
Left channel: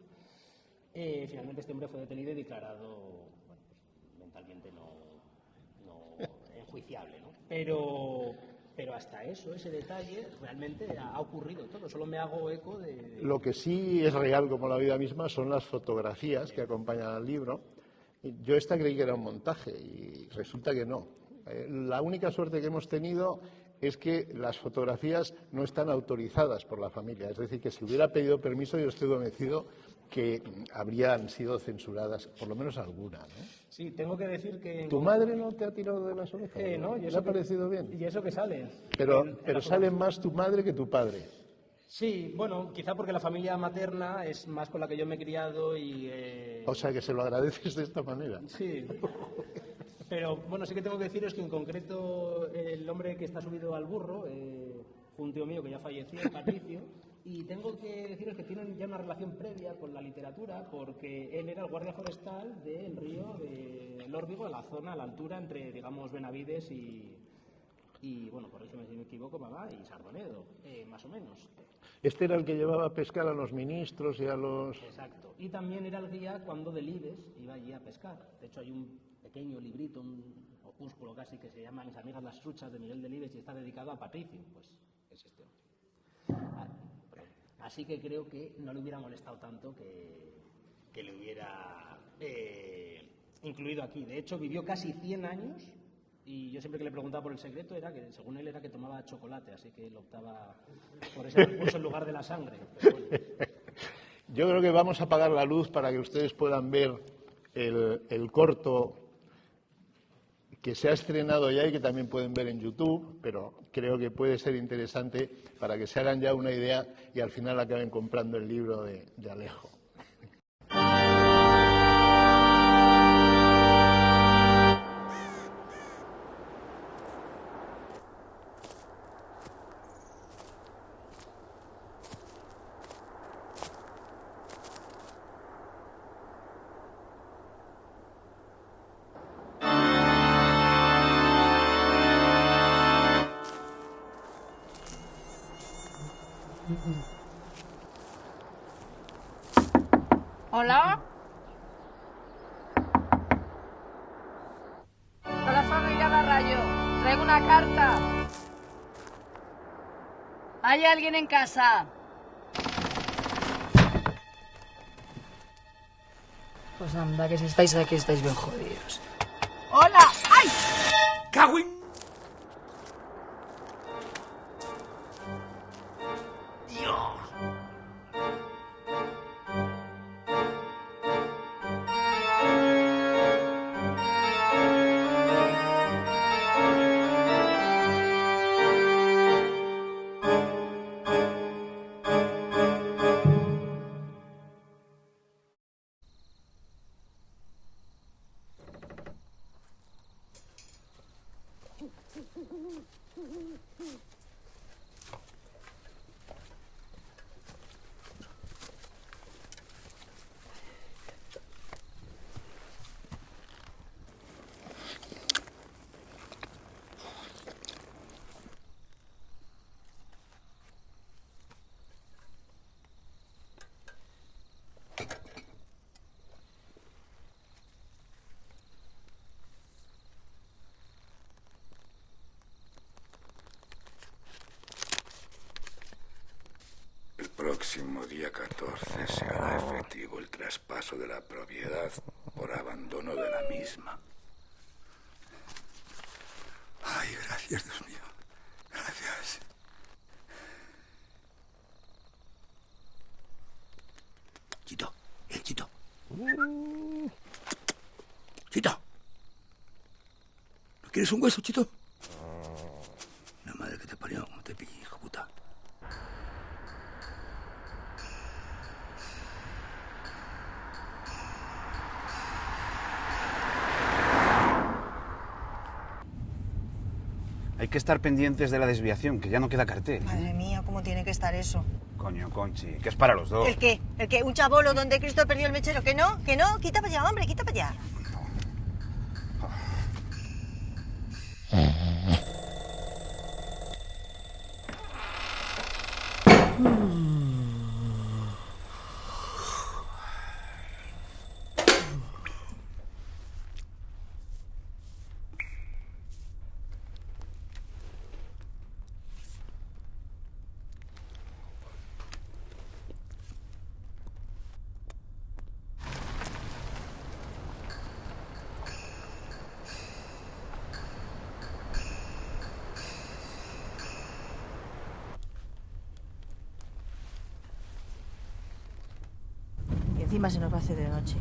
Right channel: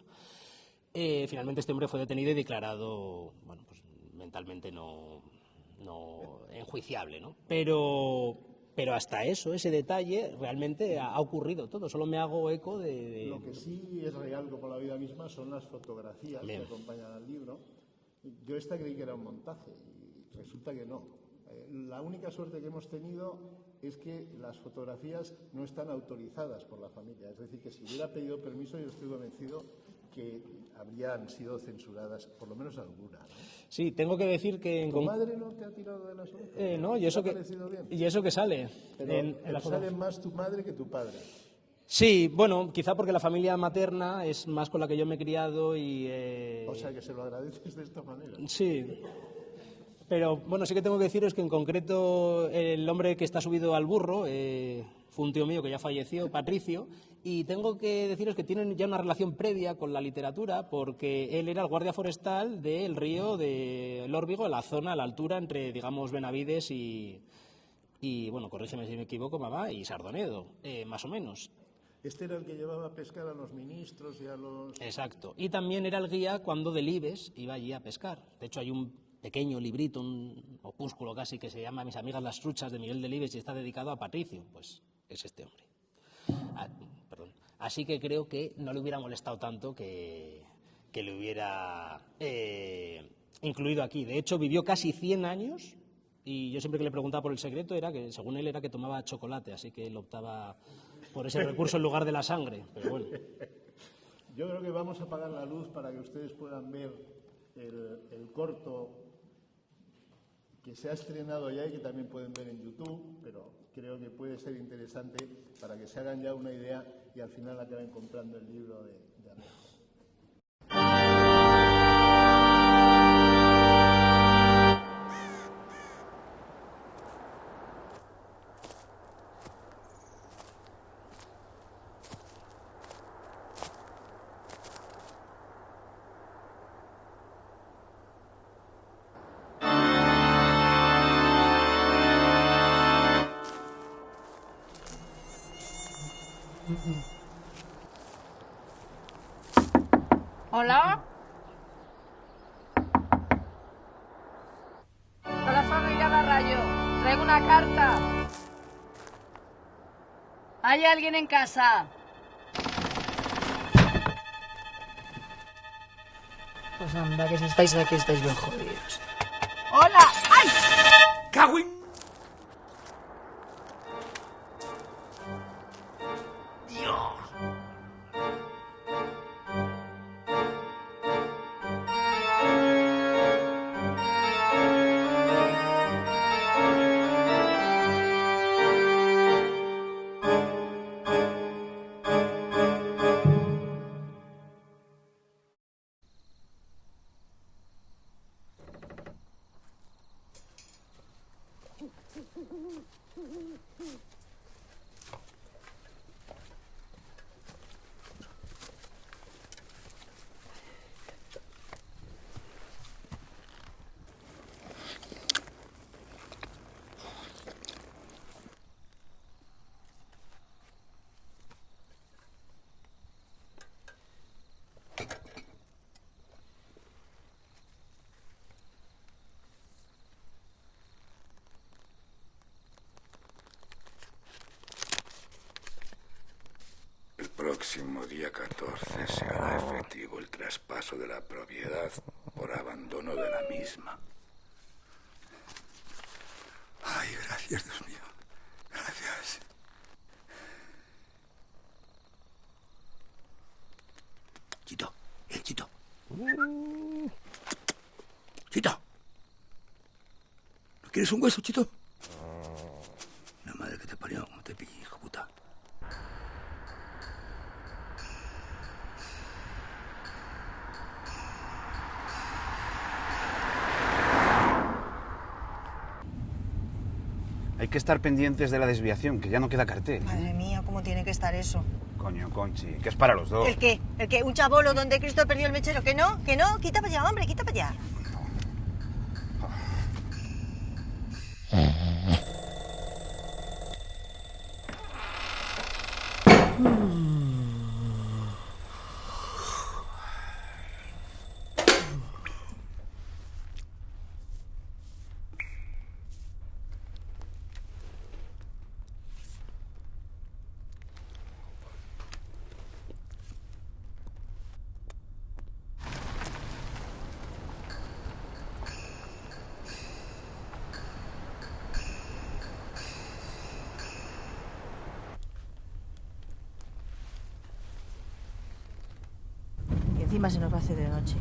Finalmente este hombre fue detenido y declarado, bueno, pues mentalmente no enjuiciable, ¿no? Pero hasta ese detalle, realmente ha ocurrido todo. Solo me hago eco de... Lo que sí es real como la vida misma son las fotografías que acompañan al libro. Yo creí que era un montaje y resulta que no. La única suerte que hemos tenido es que las fotografías no están autorizadas por la familia. Es decir, que si hubiera pedido permiso yo estoy convencido que habrían sido censuradas, por lo menos algunas, ¿no? Sí, tengo que decir que... ¿Tu madre no te ha tirado de las orejas? No, y eso ¿te ha parecido bien? Y eso que sale. Pero sale más tu madre que tu padre. Sí, bueno, quizá porque la familia materna es más con la que yo me he criado y... O sea, que se lo agradeces de esta manera. Sí. Pero, bueno, sí que tengo que deciros que en concreto el hombre que está subido al burro fue un tío mío que ya falleció, Patricio, y tengo que deciros que tienen ya una relación previa con la literatura porque él era el guardia forestal del río de Lórbigo, a la zona, a la altura entre, digamos, Benavides y bueno, corrígeme si me equivoco, mamá, y Sardonedo, más o menos. Este era el que llevaba a pescar a los ministros y a los... Exacto. Y también era el guía cuando Delibes iba allí a pescar. De hecho, hay un pequeño librito, un opúsculo casi, que se llama Mis amigas las truchas, de Miguel Delibes, y está dedicado a Patricio. Pues es este hombre. Perdón. Así que creo que no le hubiera molestado tanto que le hubiera incluido aquí. De hecho, vivió casi 100 años y yo siempre que le preguntaba por el secreto era que, según él, era que tomaba chocolate, así que él optaba por ese recurso en lugar de la sangre. Pero bueno. Yo creo que vamos a apagar la luz para que ustedes puedan ver el corto que se ha estrenado ya y que también pueden ver en YouTube, pero creo que puede ser interesante para que se hagan ya una idea y al final acaben comprando el libro de Alejo. ¿Hola? Con la familia Barrayo. Traigo una carta. ¿Hay alguien en casa? Pues anda, que si estáis aquí estáis bien jodidos. ¡Hola! ¡Ay! ¡Cagüín! El próximo día 14 se hará efectivo el traspaso de la propiedad por abandono de la misma. Ay, gracias, Dios mío. Gracias. Chito, Chito. Chito. ¿No quieres un hueso, Chito? La madre que te parió, no te pille, hijo puta. Hay que estar pendientes de la desviación, que ya no queda cartel. Madre mía, ¿cómo tiene que estar eso? Coño, Conchi, que es para los dos. ¿El qué? ¿El qué? ¿Un chabolo donde Cristo perdió el mechero? ¿Que no? ¿Que no? Quita para allá, hombre, quita para allá. Y encima se nos va a hacer de noche.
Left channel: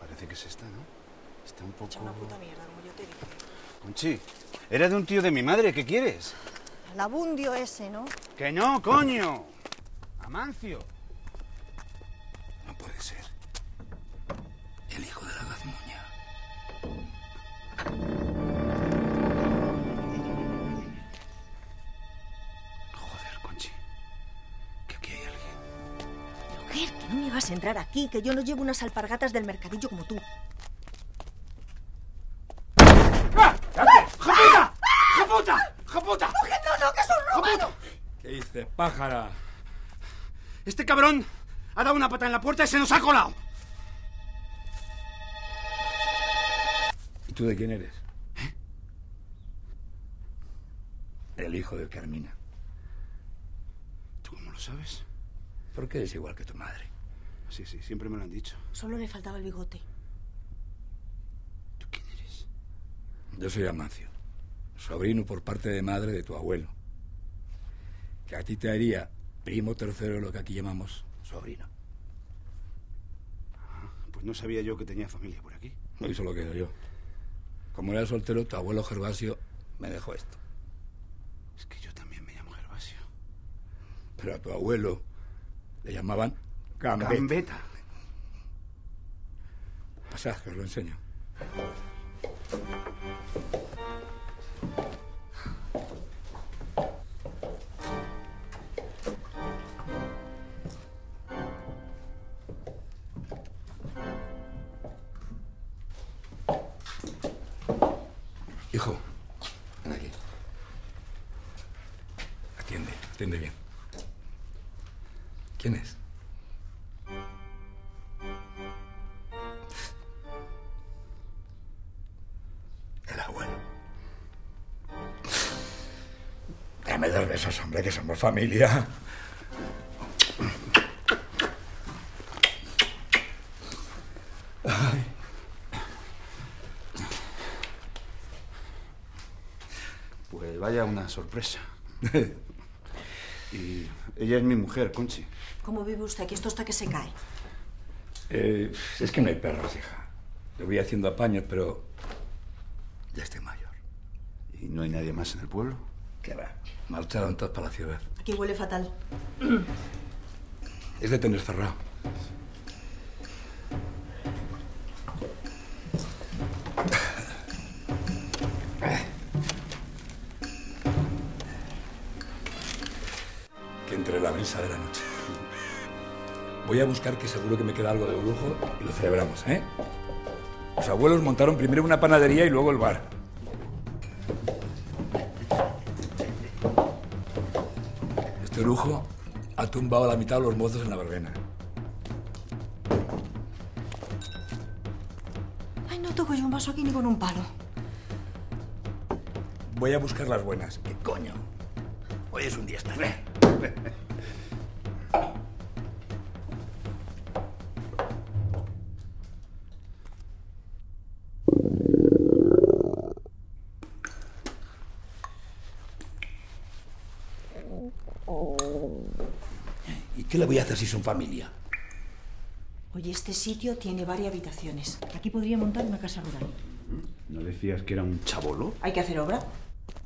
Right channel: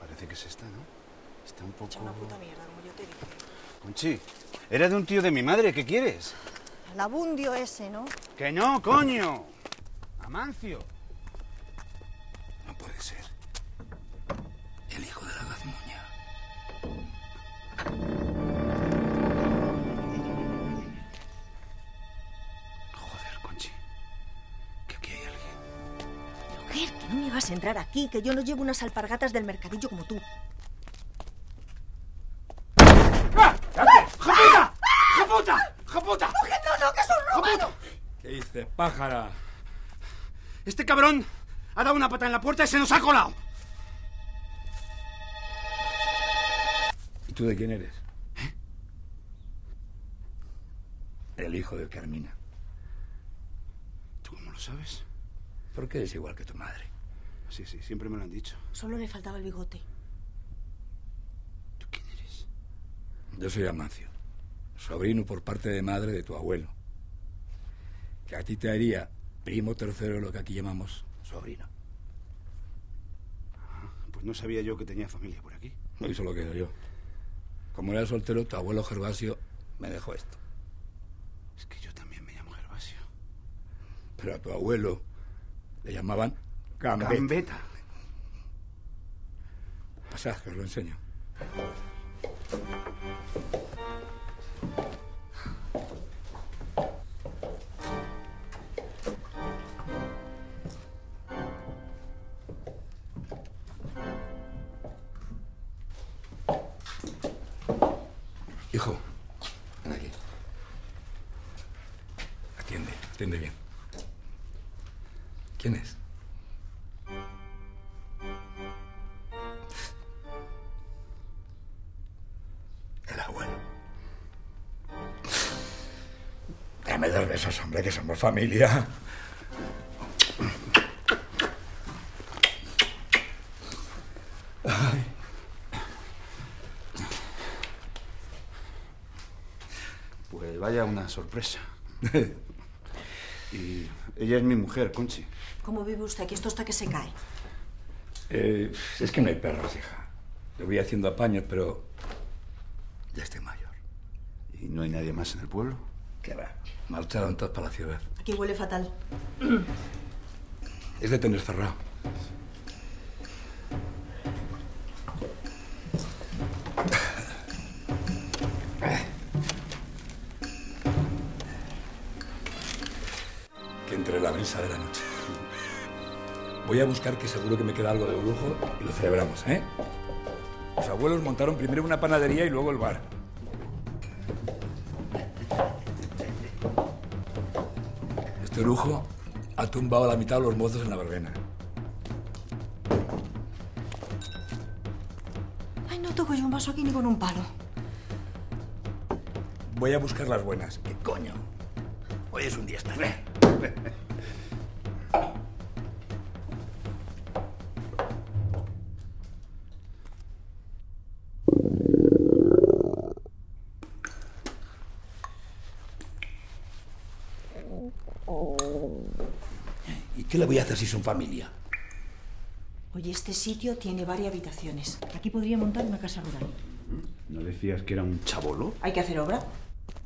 Parece que es esta, ¿no? Está un poco... Echa una puta mierda, como yo te dije. Conchi, era de un tío de mi madre, ¿qué quieres? El abundio ese, ¿no? ¡Que no, coño! ¡Amancio! No puede ser. El hijo de la gazmoña. Joder, Conchi. Que aquí hay alguien. Mujer, que no me vas a entrar aquí, que yo no llevo unas alpargatas del mercadillo como tú. ¡Japuta! ¡Japuta! ¡Japuta! ¡No, que es un romano! ¿Qué dices, pájara? Este cabrón ha dado una pata en la puerta y se nos ha colado. ¿Y tú de quién eres? El hijo de Carmina. ¿Tú cómo lo sabes? Porque eres igual que tu madre. Sí, siempre me lo han dicho. Solo le faltaba el bigote. ¿Tú quién eres? Yo soy Amancio, sobrino por parte de madre de tu abuelo. Que a ti te haría primo tercero, lo que aquí llamamos sobrino. Pues no sabía yo que tenía familia por aquí. No, eso lo quedo yo. Como era soltero, tu abuelo Gervasio me dejó esto. Es que yo también me llamo Gervasio. Pero a tu abuelo le llamaban Gambetta. Gambetta. Pasad, que os lo enseño. Hijo, ven aquí. Atiende bien. ¿Quién es? El abuelo. Dame 2 besos, hombre, que somos familia. Ay. Pues vaya una sorpresa. Y ella es mi mujer, Conchi. ¿Cómo vive usted? Que esto está que se cae. Es que no hay perros, hija. Le voy haciendo apaños, pero ya estoy mayor. ¿Y no hay nadie más en el pueblo? ¿Qué va? Marcharon todos para la ciudad. Aquí huele fatal. Es de tener cerrado. Que entre la mesa de la noche. Voy a buscar, que seguro que me queda algo de brujo, y lo celebramos, ¿eh? Los abuelos montaron primero una panadería y luego el bar. Este brujo ha tumbado a la mitad de los mozos en la verbena. Ay, no toco yo un vaso aquí ni con un palo. Voy a buscar las buenas. ¿Qué coño? Hoy es un día especial. ¿Y qué le voy a hacer si son familia? Oye, este sitio tiene varias habitaciones. Aquí podría montar una casa rural. ¿No decías que era un chabolo? Hay que hacer obra,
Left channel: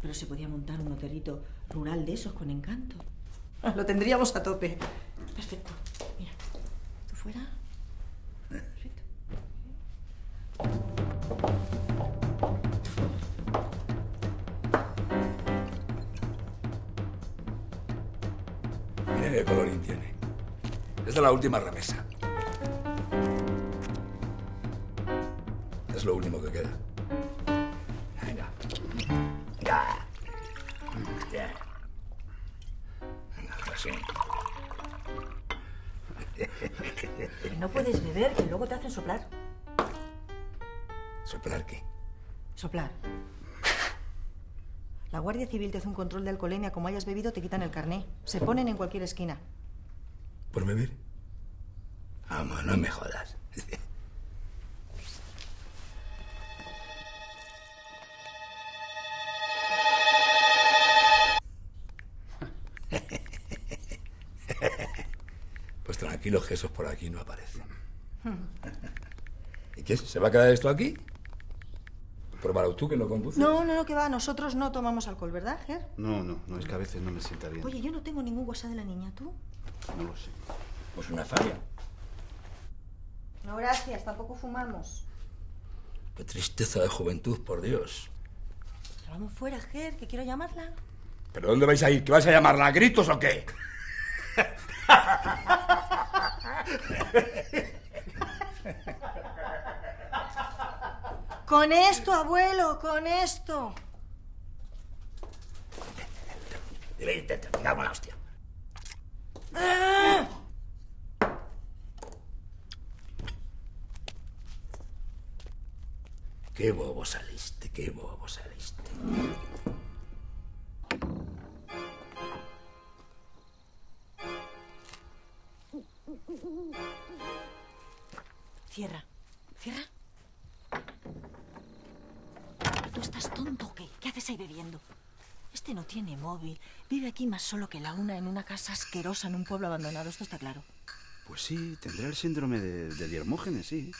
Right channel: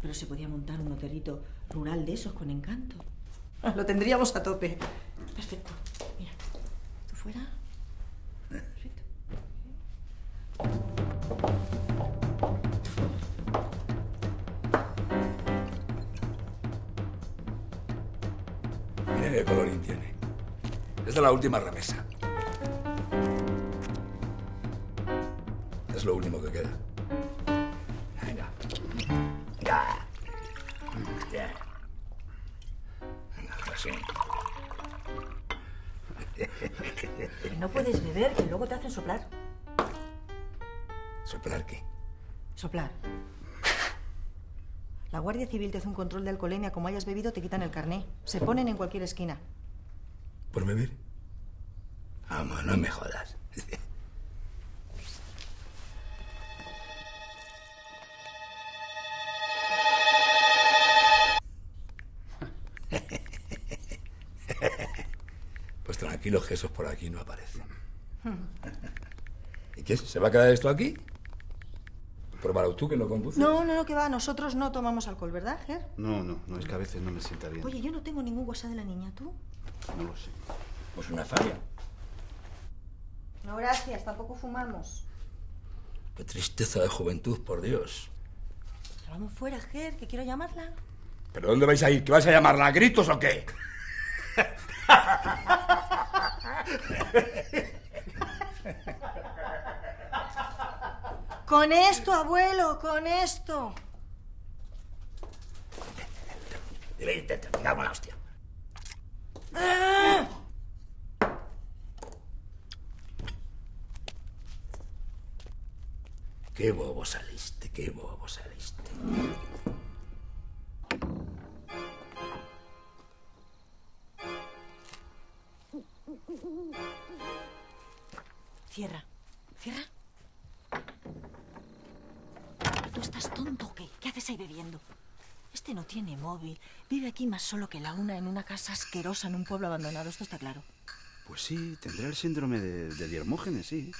pero se podía montar un hotelito rural de esos con encanto. Lo tendríamos a tope. Perfecto. Mira, ¿tú fuera? Perfecto. Mira qué colorín tiene. Es de la última remesa. Es lo último que queda. Venga. Venga. Bien. Venga, así. No puedes beber, que luego te hacen soplar. ¿Soplar qué? Soplar. La Guardia Civil te hace un control de alcoholemia. Como hayas bebido, te quitan el carné. Se ponen en cualquier esquina. ¿Por beber? Vamos, no me jodas. Pues tranquilo, que esos por aquí no aparecen. ¿Y qué? ¿Se va a quedar esto aquí? Pruébalo tú, que no conduces. No, que va. Nosotros no tomamos alcohol, ¿verdad, Ger? No, es que a veces no me sienta bien. Oye, yo no tengo ningún WhatsApp de la niña, ¿tú? No lo sé. Pues una falla. No, gracias. Tampoco fumamos. Qué tristeza de juventud, por Dios. Pero vamos fuera, Ger, que quiero llamarla. ¿Pero dónde vais a ir? ¿Que vais a llamarla a gritos o qué? Con esto, abuelo, con esto. Dile, te pegamos la hostia. Qué bobo saliste, qué bobo saliste. Cierra. Cierra. ¿Tú estás tonto o qué? ¿Qué haces ahí bebiendo? Este no tiene móvil. Vive aquí más solo que la una en una casa asquerosa en un pueblo abandonado. Esto está claro. Pues sí, tendrá el síndrome de Dihermógenes, sí.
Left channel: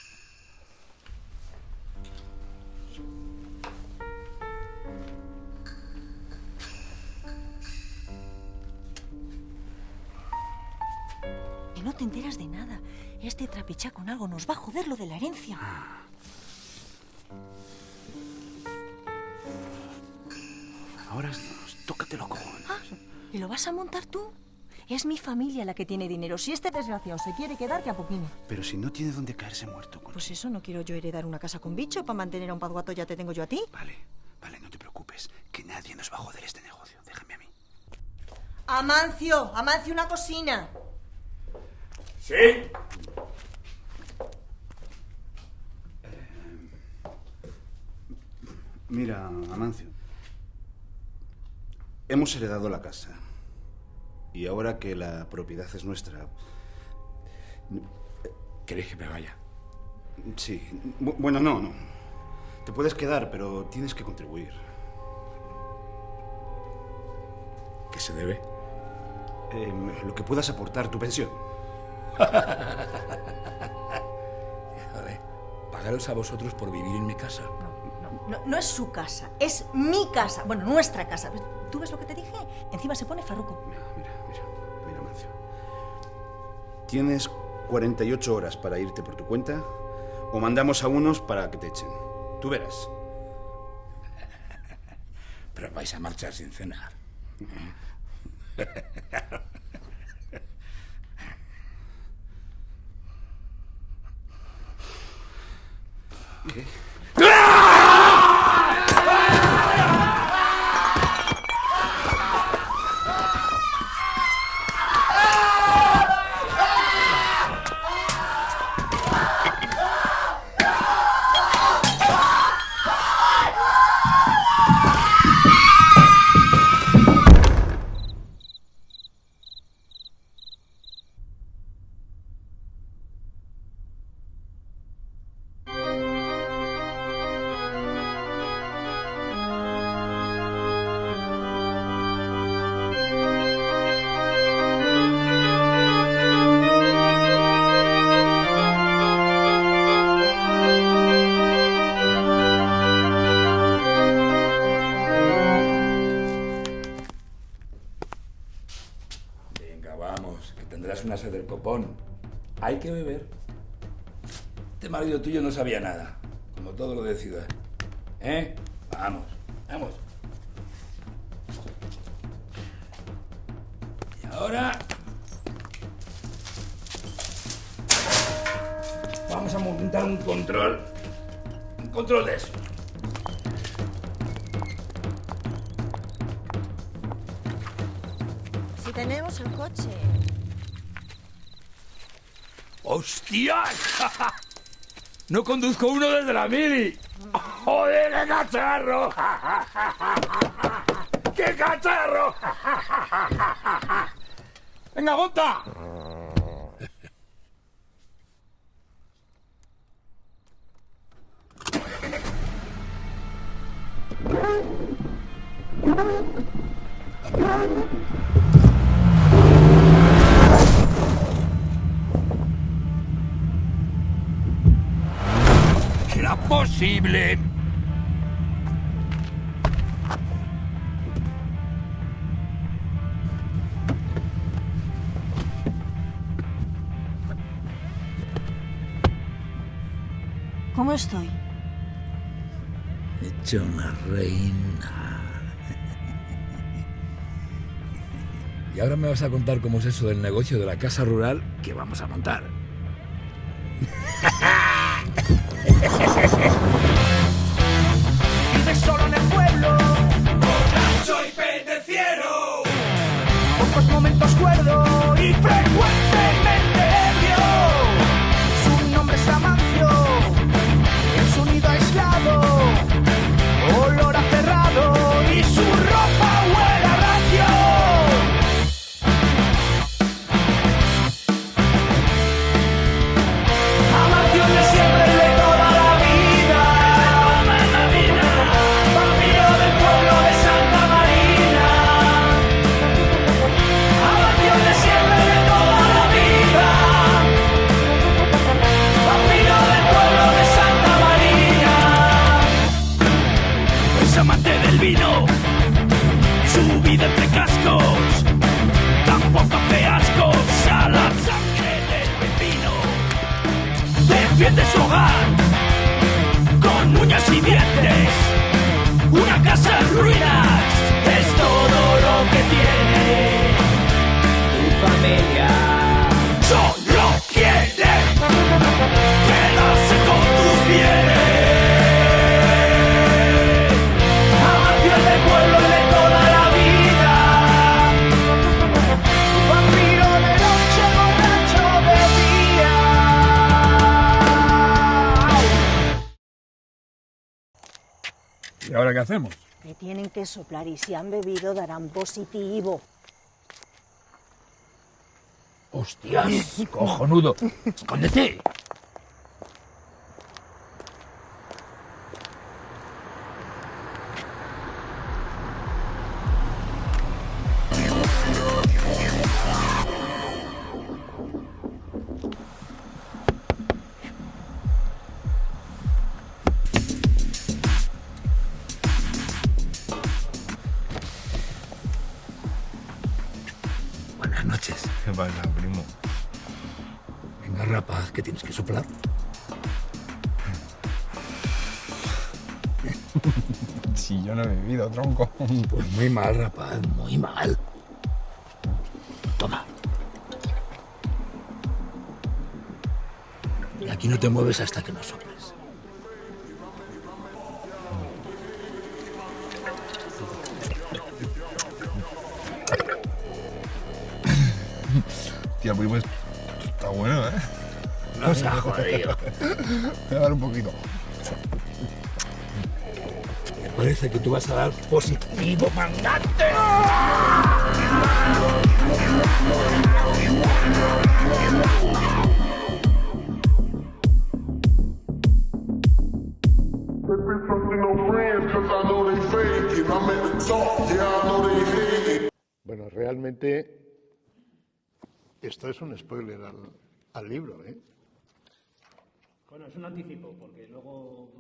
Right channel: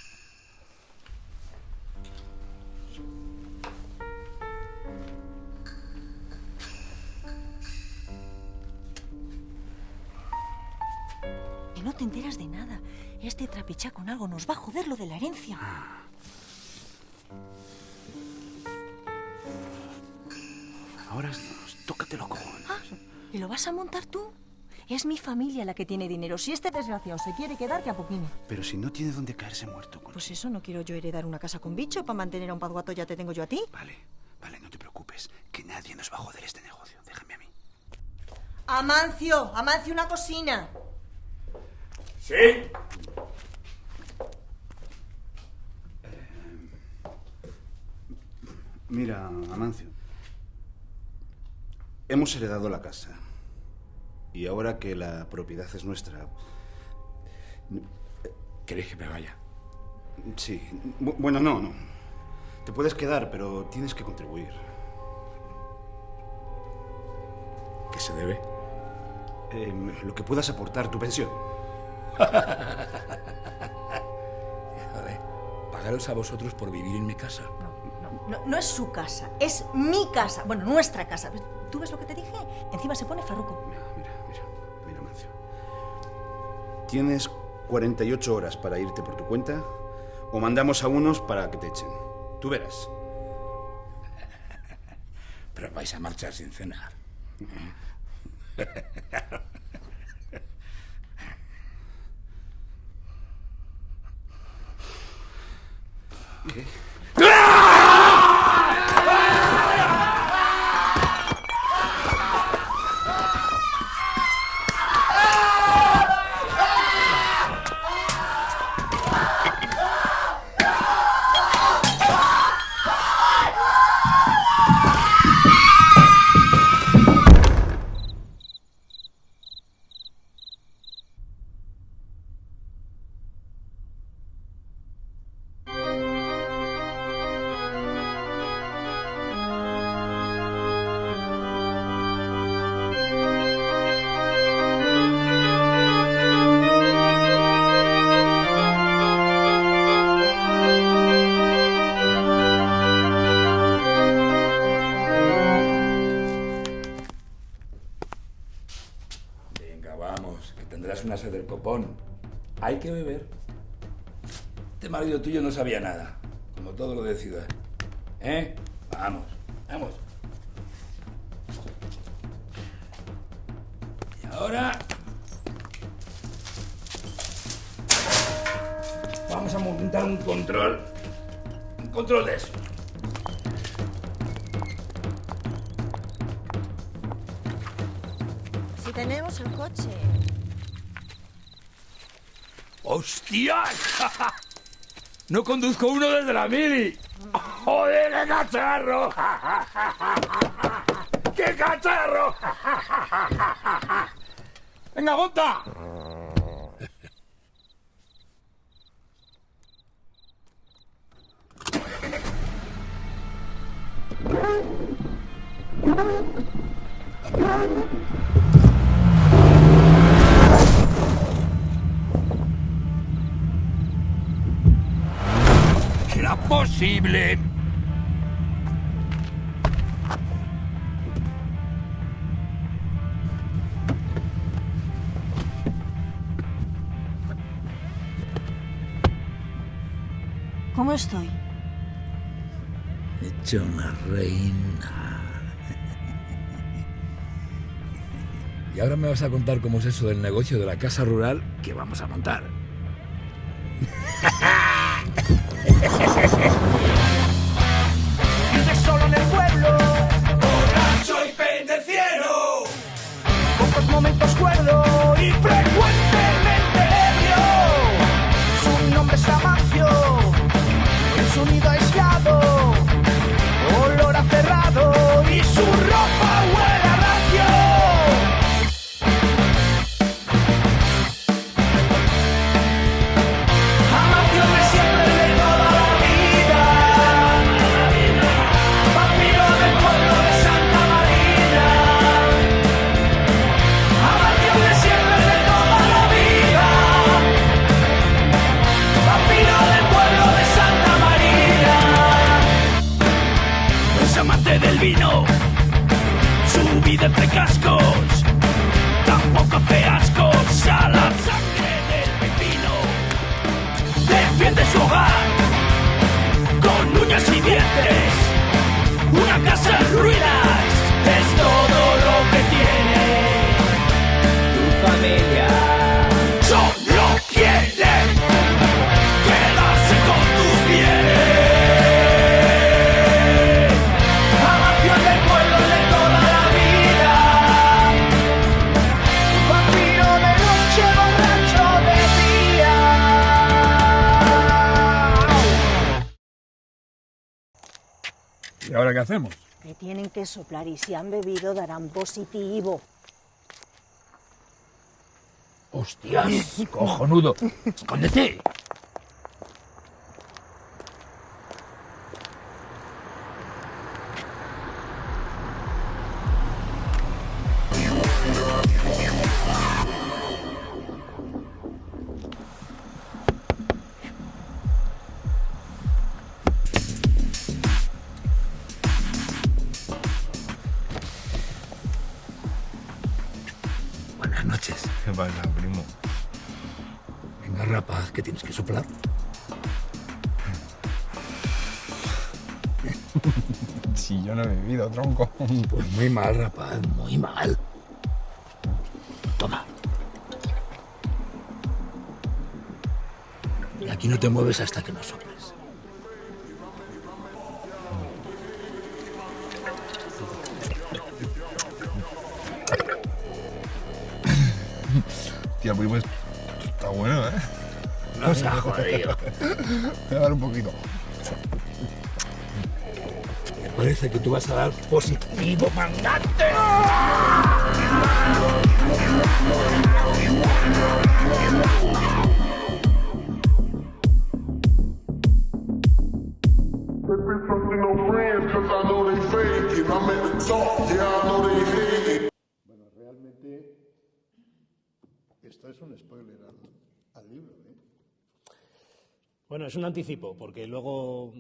Que no te enteras de nada. Este trapichá con algo nos va a joder lo de la herencia. Ahora tócate los cojones. ¿Y lo vas a montar tú? Es mi familia la que tiene dinero. Si este desgraciado se quiere quedar, que apoquine. Pero si no tiene dónde caerse muerto, Conchi. Pues eso, no quiero yo heredar una casa con bicho. Para mantener a un pazguato ya te tengo yo a ti. Vale, no te preocupes. Que nadie nos va a joder este negocio. Déjame a mí. Amancio, una cocina. ¿Sí? Mira, Amancio. Hemos heredado la casa. Y ahora que la propiedad es nuestra... ¿Queréis que me vaya? Sí. Bueno, no. Te puedes quedar, pero tienes que contribuir. ¿Qué se debe? Lo que puedas aportar, tu pensión. Joder, pagaros a vosotros por vivir en mi casa. No es su casa, es mi casa. Bueno, nuestra casa. ¿Tú ves lo que te dije? Encima se pone farruco. Mira, Mancio. Tienes 48 horas para irte por tu cuenta o mandamos a unos para que te echen. Tú verás. Pero vais a marchar sin cenar. ¿Qué? Una sed del copón. Hay que beber. Este marido tuyo no sabía nada, como todo lo de ciudad. Vamos. Y ahora vamos a montar un control de eso. Si tenemos el coche. ¡Hostias! No conduzco uno desde la mili. ¡Joder, qué cacharro! ¡Qué cacharro! ¡Venga, monta! ¿Será posible? ¿Cómo estoy? Hecho una reina. Y ahora me vas a contar cómo es eso del negocio de la casa rural que vamos a montar. Vive solo en el pueblo, borracho y pendenciero, pocos momentos cuerdo y frecuentemente ebrio. Su nombre es Amancio, en su nido aislado de su hogar, con uñas y dientes. Una casa en ruinas es todo lo que tiene tu familia. Solo quiere quedarse con tus bienes. Amancio del pueblo de toda la vida. Vampiro de noche, borracho de día. ¿Y ahora qué hacemos? Me tienen que soplar y si han bebido darán positivo. ¡Hostias! ¡Cojonudo! ¡Escóndete! Buenas noches. ¿Qué pasa, primo? Venga, rapaz, que tienes que soplar. Si yo no he bebido, tronco. Pues muy mal, rapaz, muy mal. Toma. Y aquí no te mueves hasta que no soples. Tía, primo, está bueno, ¿eh? No se ha jodido. Voy a dar un poquito. Me parece que tú vas a dar positivo, mandante. Bueno, realmente esto es un spoiler al libro, ¿eh? Bueno, es un anticipo, porque luego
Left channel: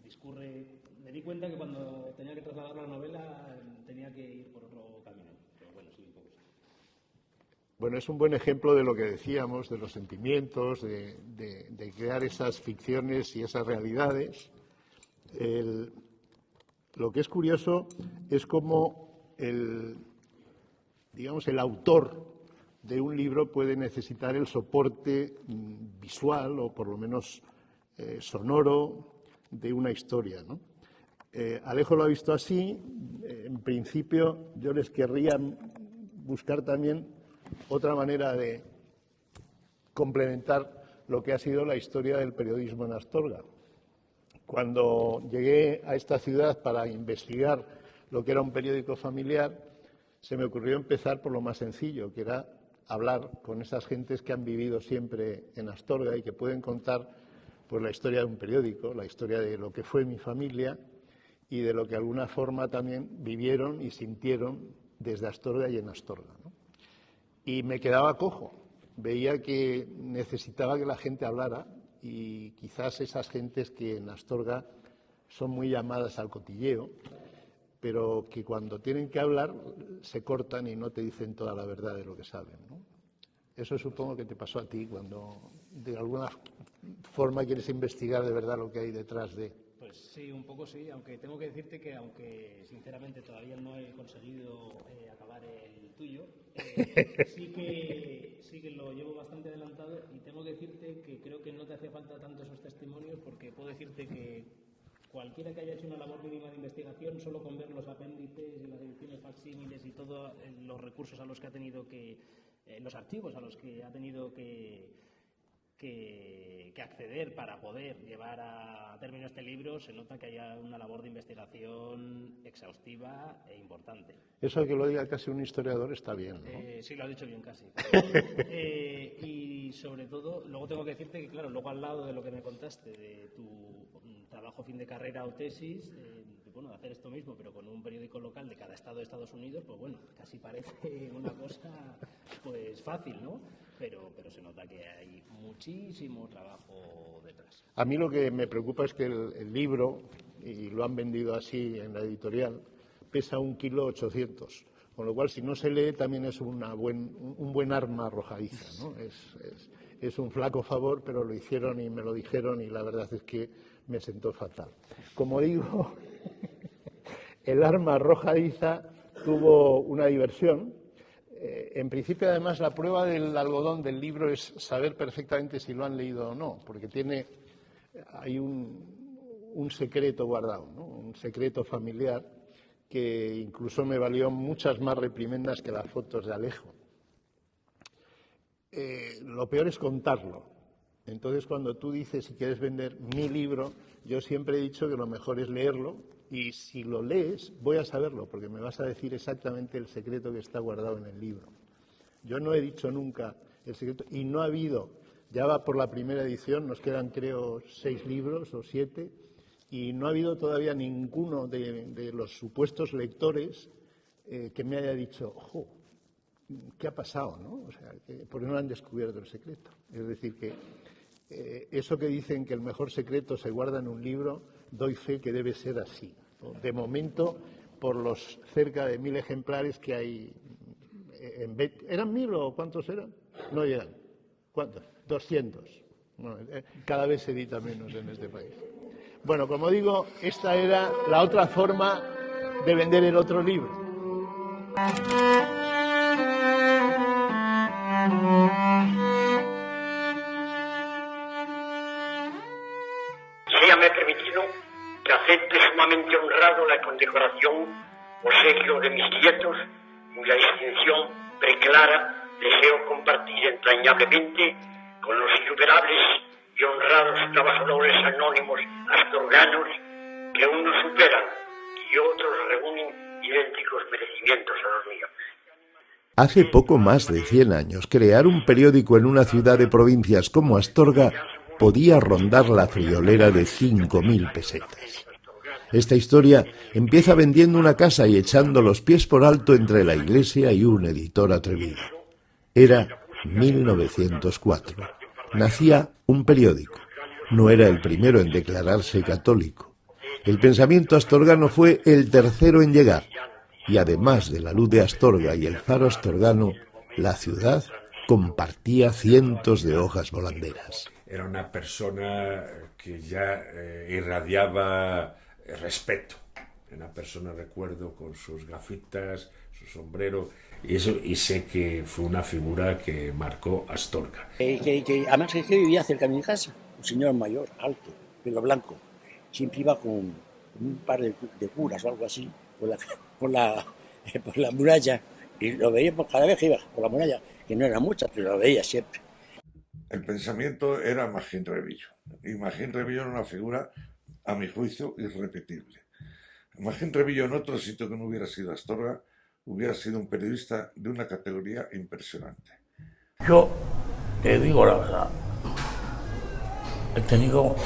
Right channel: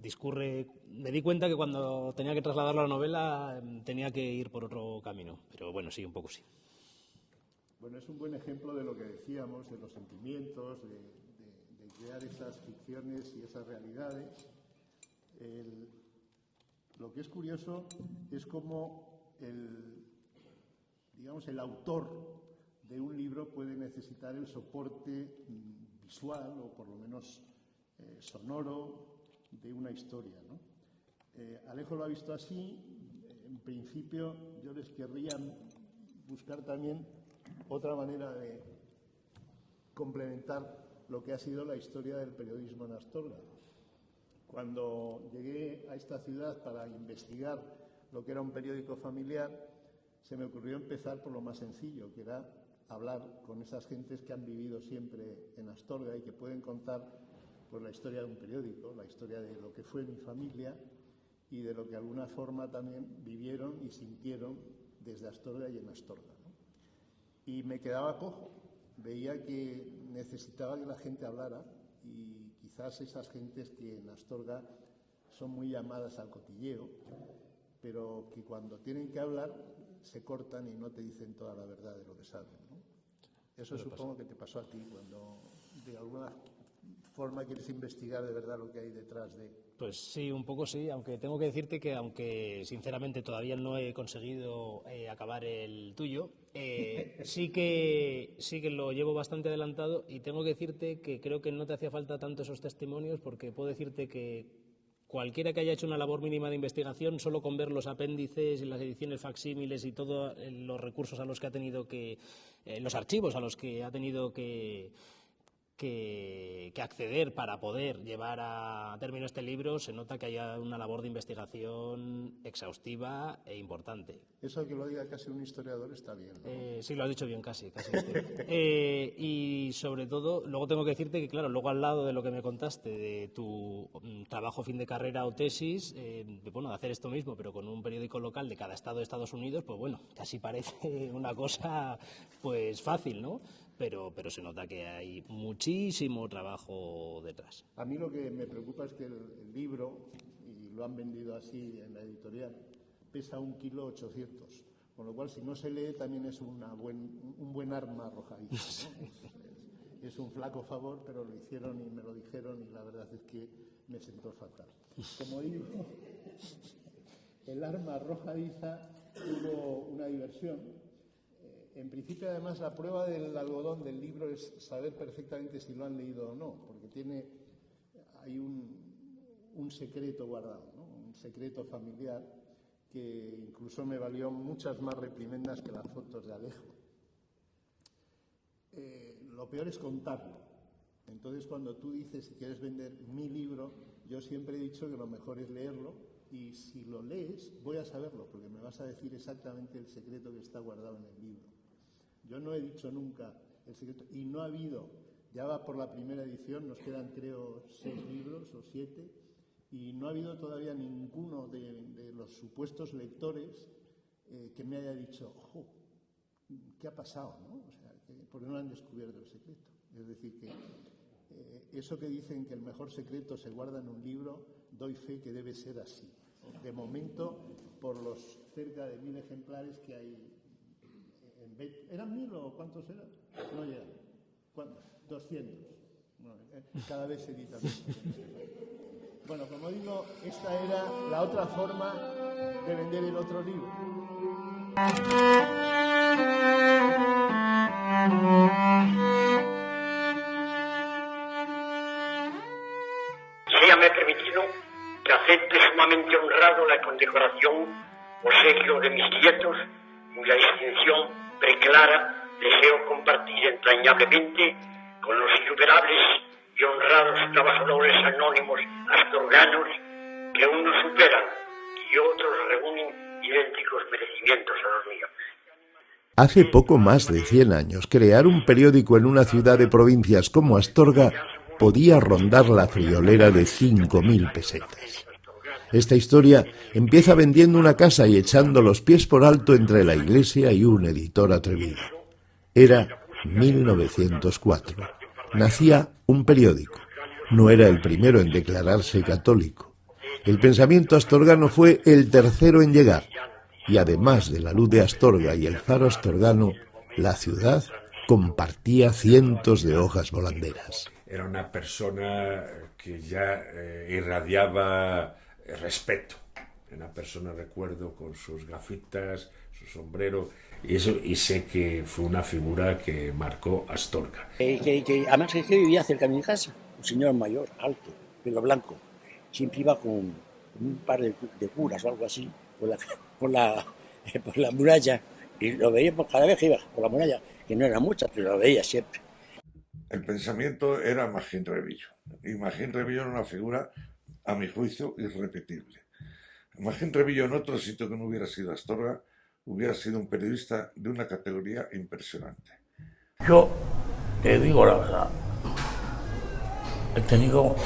discurre... Me di cuenta que cuando tenía que trasladarlo a la novela tenía que ir por otro camino, pero bueno, sí, un poco sí. Bueno, es un buen ejemplo de lo que decíamos, de los sentimientos, de crear esas ficciones y esas realidades. Lo que es curioso es cómo el autor de un libro puede necesitar el soporte visual o por lo menos sonoro de una historia, ¿no? Alejo lo ha visto así. En principio yo les querría buscar también otra manera de complementar lo que ha sido la historia del periodismo en Astorga. Cuando llegué a esta ciudad para investigar lo que era un periódico familiar, se me ocurrió empezar por lo más sencillo, que era hablar con esas gentes que han vivido siempre en Astorga y que pueden contar pues, la historia de un periódico, la historia de lo que fue mi familia y de lo que de alguna forma también vivieron y sintieron desde Astorga y en Astorga, ¿no? Y me quedaba cojo, veía que necesitaba que la gente hablara y quizás esas gentes que en Astorga son muy llamadas al cotilleo, pero que cuando tienen que hablar se cortan y no te dicen toda la verdad de lo que saben, ¿no? Eso supongo que te pasó a ti cuando de alguna forma quieres investigar de verdad lo que hay detrás de... Pues sí, un poco sí, aunque tengo que decirte que aunque sinceramente todavía no he conseguido acabar el tuyo, sí que lo llevo bastante adelantado y tengo que decirte que creo que no te hacía falta tanto esos testimonios porque puedo decirte que cualquiera que haya hecho una labor mínima de investigación, solo con ver los apéndices y las ediciones facsímiles y todos los recursos a los que ha tenido que, los archivos a los que ha tenido que acceder para poder llevar a término este libro, se nota que haya una labor de investigación exhaustiva e importante. Eso que lo diga casi un historiador está bien, ¿no? Sí, lo has dicho bien, casi. Y sobre todo, luego tengo que decirte que, claro, luego al lado de lo que me contaste, de tu trabajo fin de carrera o tesis, de hacer esto mismo, pero con un periódico local de cada estado de Estados Unidos, pues bueno, casi parece una cosa pues fácil, ¿no? Pero se nota que hay muchísimo trabajo detrás. A mí lo que me preocupa es que el libro, y lo han vendido así en la editorial, pesa 1,8 kilos, con lo cual si no se lee también es un buen arma arrojadiza, ¿no? es un flaco favor, pero lo hicieron y me lo dijeron y la verdad es que me sentó fatal. Como digo, el arma arrojadiza tuvo una diversión. En principio, además, la prueba del algodón del libro es saber perfectamente si lo han leído o no, porque hay un secreto guardado, ¿no? Un secreto familiar que incluso me valió muchas más reprimendas que las fotos de Alejo. Lo peor es contarlo. Entonces, cuando tú dices si quieres vender mi libro, yo siempre he dicho que lo mejor es leerlo, y si lo lees voy a saberlo, porque me vas a decir exactamente el secreto que está guardado en el libro. Yo no he dicho nunca el secreto, y no ha habido, ya va por la primera edición, nos quedan creo 6 libros o 7, y no ha habido todavía ninguno de los supuestos lectores que me haya dicho, ojo, ¿qué ha pasado? ¿No? O sea, porque no han descubierto el secreto. Es decir, que eso que dicen que el mejor secreto se guarda en un libro, doy fe que debe ser así, ¿no? De momento, por los cerca de 1000 ejemplares que hay, ¿eran 1000 o cuántos eran? No llegan. ¿Cuántos? 200. Bueno, cada vez se edita menos en este país. Bueno, como digo, esta era la otra forma de vender el otro libro. Séame permitido que acepte sumamente honrado la condecoración obsequio de mis nietos, cuya distinción preclara deseo compartir entrañablemente con los innumerables y honrados trabajadores anónimos astorganos que unos superan y otros reúnen idénticos merecimientos a los míos. Hace poco más de 100 años, crear un periódico en una ciudad de provincias como Astorga podía rondar la friolera de 5.000 pesetas. Esta historia empieza vendiendo una casa y echando los pies por alto entre la iglesia y un editor atrevido. Era 1904. Nacía un periódico. No era el primero en declararse católico. El pensamiento astorgano fue el tercero en llegar. Y además de la luz de Astorga y el faro astorgano, la ciudad compartía cientos de hojas volanderas. Era una persona que ya irradiaba respeto. Una persona, recuerdo, con sus gafitas, su sombrero, y sé que fue una figura que marcó Astorga. Además que vivía cerca de mi casa, un señor mayor, alto, pelo blanco. Siempre iba con un par de curas o algo así, por la muralla, y lo veíamos cada vez que iba por la muralla, que no era mucha, pero lo veía siempre. El pensamiento era Magín Rebillo, y Magín Rebillo era una figura, a mi juicio, irrepetible. Magín Rebillo, en otro sitio que no hubiera sido Astorga, hubiera sido un periodista de una categoría impresionante. Yo te digo la verdad, he tenido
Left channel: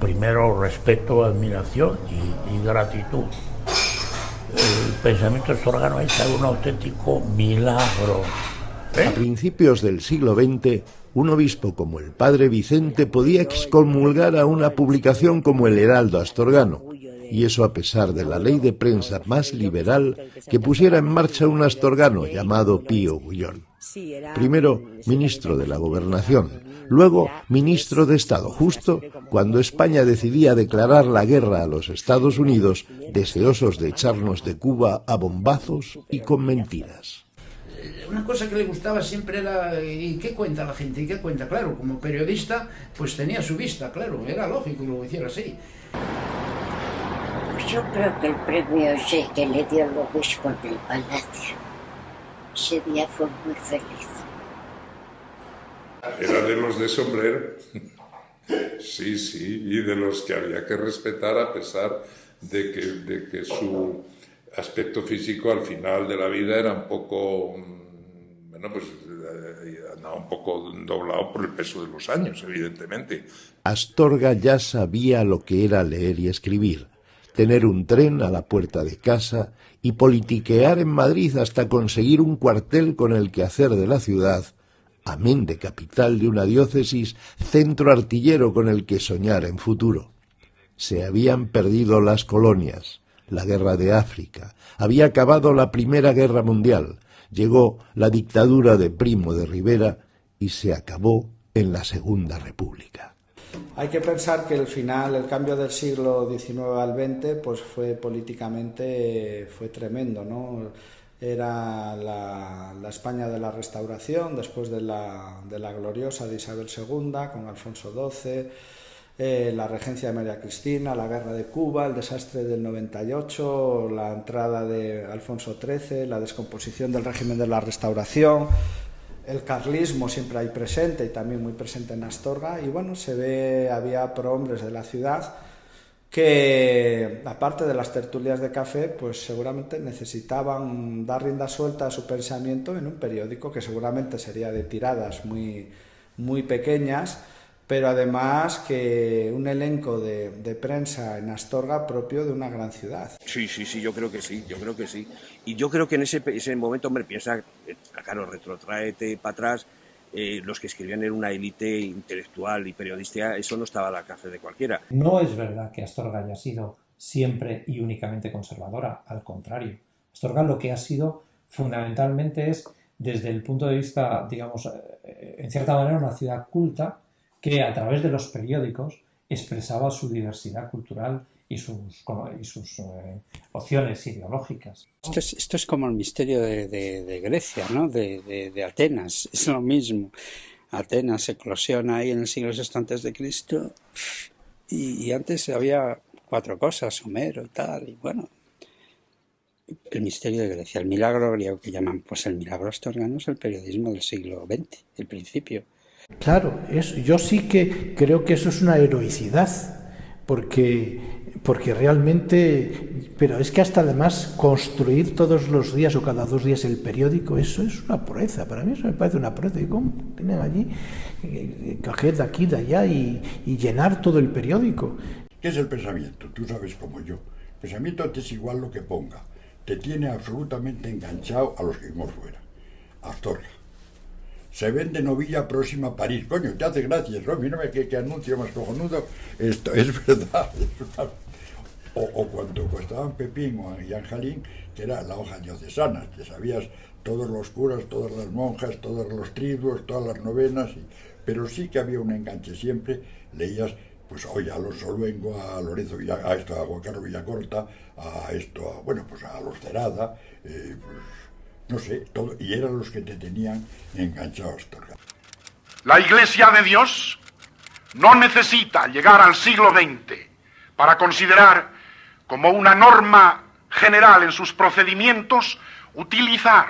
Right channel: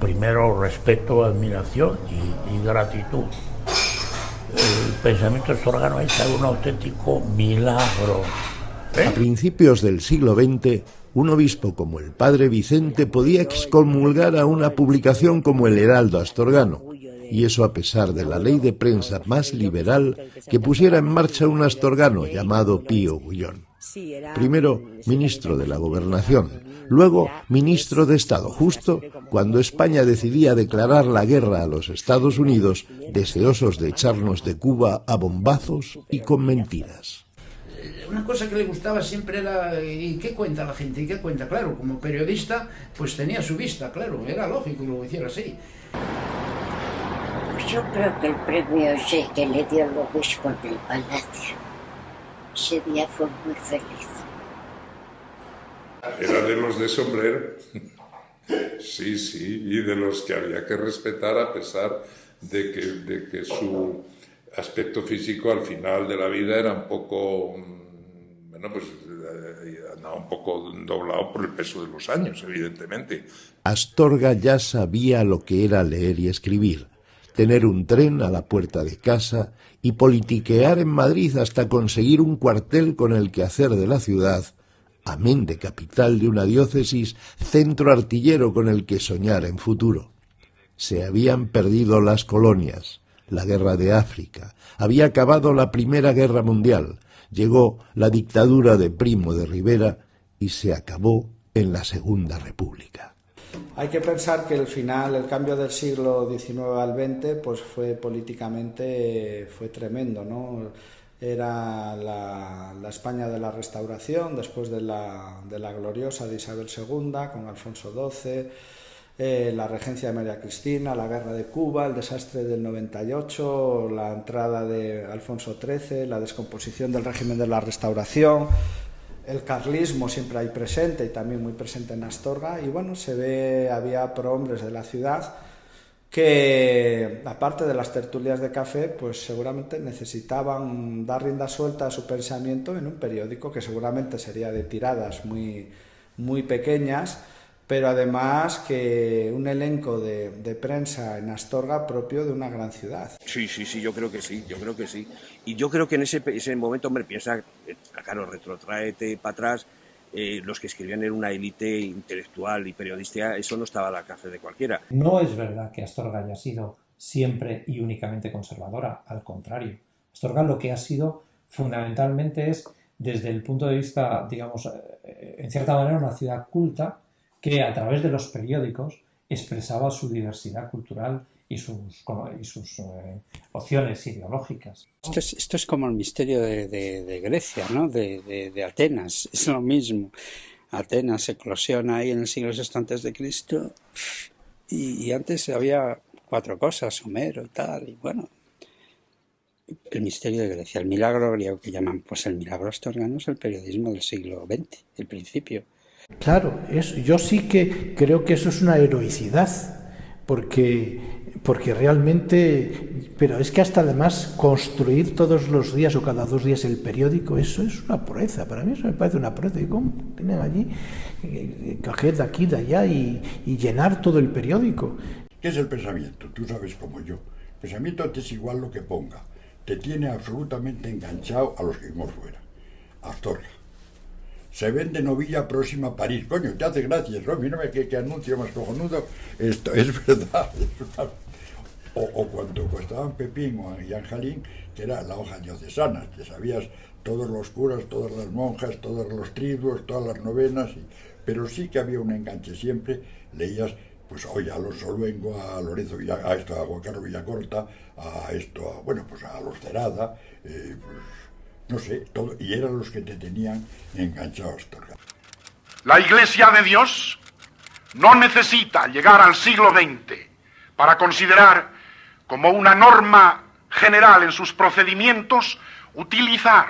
primero respeto, admiración y gratitud. El pensamiento astorgano es un auténtico milagro. A principios del siglo XX, un obispo como el padre Vicente podía excomulgar a una publicación como el Heraldo Astorgano, y eso a pesar de la ley de prensa más liberal que pusiera en marcha un astorgano llamado Pío Bullón. Primero ministro de la Gobernación, luego ministro de Estado, justo cuando España decidía declarar la guerra a los Estados Unidos, deseosos de echarnos de Cuba a bombazos y con mentiras. Una cosa que le gustaba siempre era ¿y qué cuenta la gente? ¿Y qué cuenta? Claro, como periodista pues tenía su vista, claro, era lógico que lo hiciera así. Yo creo que el premio que le dio el obispo en el palacio, ese día fue muy feliz. Era de los de sombrero, sí, y de los que había que respetar a pesar de que su aspecto físico al final de la vida era un poco, bueno, pues andaba un poco doblado por el peso de los años, evidentemente. Astorga ya sabía lo que era leer y escribir, tener un tren a la puerta de casa y politiquear en Madrid hasta conseguir un cuartel con el que hacer de la ciudad, amén de capital de una diócesis, centro artillero con el que soñar en futuro. Se habían perdido las colonias, la guerra de África, había acabado la Primera Guerra Mundial, llegó la dictadura de Primo de Rivera y se acabó en la Segunda República. Hay que pensar que el cambio del siglo XIX al XX, pues fue políticamente tremendo, ¿no? Era la España de la Restauración, después de la gloriosa de Isabel II, con Alfonso XII, la regencia de María Cristina, la guerra de Cuba, el desastre del 98, la entrada de Alfonso XIII, la descomposición del régimen de la Restauración, el carlismo siempre ahí presente y también muy presente en Astorga. Y bueno, había prohombres de la ciudad que, aparte de las tertulias de café, pues seguramente necesitaban dar rienda suelta a su pensamiento en un periódico que seguramente sería de tiradas muy pequeñas, pero además que un elenco de prensa en Astorga propio de una gran ciudad. Sí, yo creo que sí. Y yo creo que en ese momento, hombre, piensa, claro, retrótraete para atrás, los que escribían en una élite intelectual y periodística, eso no estaba al alcance de cualquiera. No es verdad que Astorga haya sido siempre y únicamente conservadora, al contrario. Astorga lo que ha sido fundamentalmente es, desde el punto de vista, digamos, en cierta manera una ciudad culta, que a través de los periódicos expresaba su diversidad cultural y sus opciones ideológicas. Esto es como el misterio de Grecia, ¿no? De Atenas, es lo mismo. Atenas eclosiona ahí en el siglo VI a.C. y antes había 4 cosas, Homero y tal, y bueno, el misterio de Grecia, el milagro griego que llaman, pues el milagro astorgano es el periodismo del siglo XX, el principio. Claro, yo sí que creo que eso es una heroicidad, porque realmente, pero es que hasta además construir todos los días o cada 2 días el periódico, eso es una proeza, para mí eso me parece una proeza. ¿Y cómo tienen allí coger de aquí, de allá y llenar todo el periódico? ¿Qué es el pensamiento? Tú sabes como yo. El pensamiento te es igual lo que ponga, te tiene absolutamente enganchado a los que vimos fuera. Astorga. Se vende novilla próxima a París. Coño, te hace gracia, ¿no? Mírame qué anuncio más cojonudo. Esto es verdad. O cuando costaban Pepín y Anjalín, que era la hoja diocesana, que sabías todos los curas, todas las monjas, todos los triduos, todas las novenas, pero sí que había un enganche siempre. Leías, pues oye, a los Soluengo, a Lorenzo a Juan Carlos Villacorta, a los Cerada, pues no sé, todo, y eran los que te tenían enganchado a Astorga. La Iglesia de Dios no necesita llegar al siglo XX para considerar como una norma general en sus procedimientos utilizar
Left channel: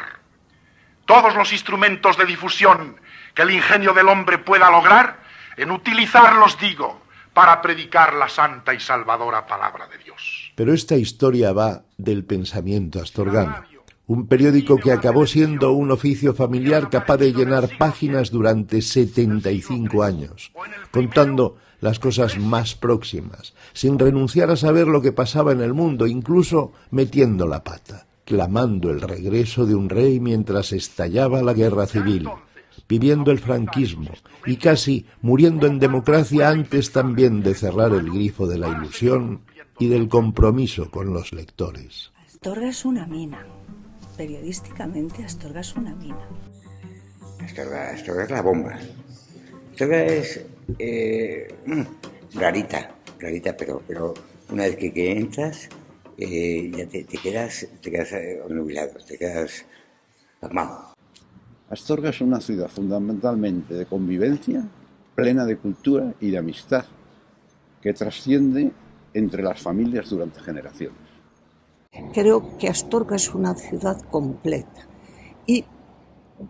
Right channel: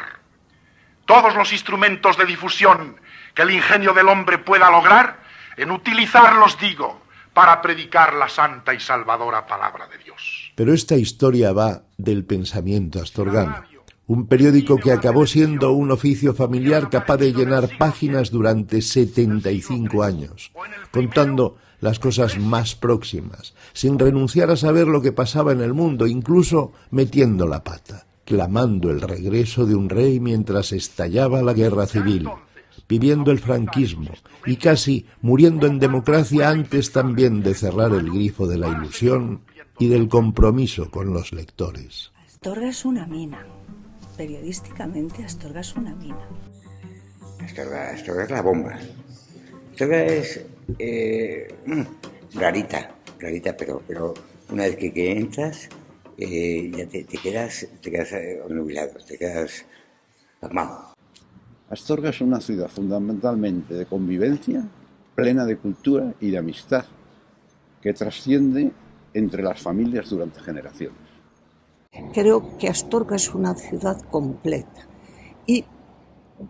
todos los instrumentos de difusión que el ingenio del hombre pueda lograr, en utilizarlos, digo, para predicar la santa y salvadora palabra de Dios. Pero esta historia va del pensamiento astorgano. Un periódico que acabó siendo un oficio familiar capaz de llenar páginas durante 75 años, contando las cosas más próximas, sin renunciar a saber lo que pasaba en el mundo, incluso metiendo la pata, clamando el regreso de un rey mientras estallaba la guerra civil, viviendo el franquismo y casi muriendo en democracia antes también de cerrar el grifo de la ilusión y del compromiso con los lectores. Astorga es una mina. Periodísticamente, Astorga es una mina. Astorga es la bomba. Astorga es rarita, pero una vez que entras, ya te quedas nubilado, te quedas pasmado. Astorga es una ciudad fundamentalmente de convivencia, plena de cultura y de amistad, que trasciende entre las familias durante generaciones. Creo que Astorga es una ciudad completa y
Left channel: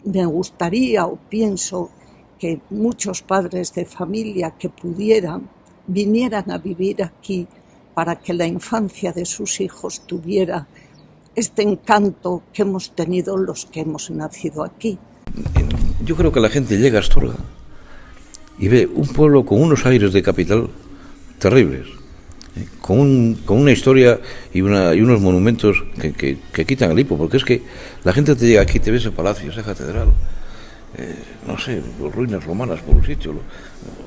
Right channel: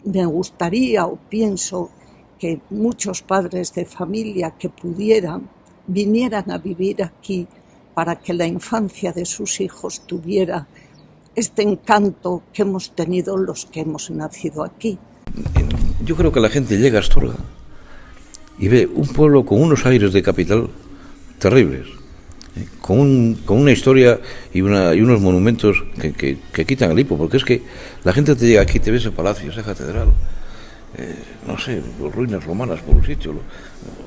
me gustaría o pienso que muchos padres de familia que pudieran vinieran a vivir aquí para que la infancia de sus hijos tuviera este encanto que hemos tenido los que hemos nacido aquí. Yo creo que la gente llega a Astorga y ve un pueblo con unos aires de capital terribles, con una historia y unos monumentos que quitan el hipo, porque es que la gente te llega aquí, te ve ese palacio, esa catedral, no sé, ruinas romanas por un sitio,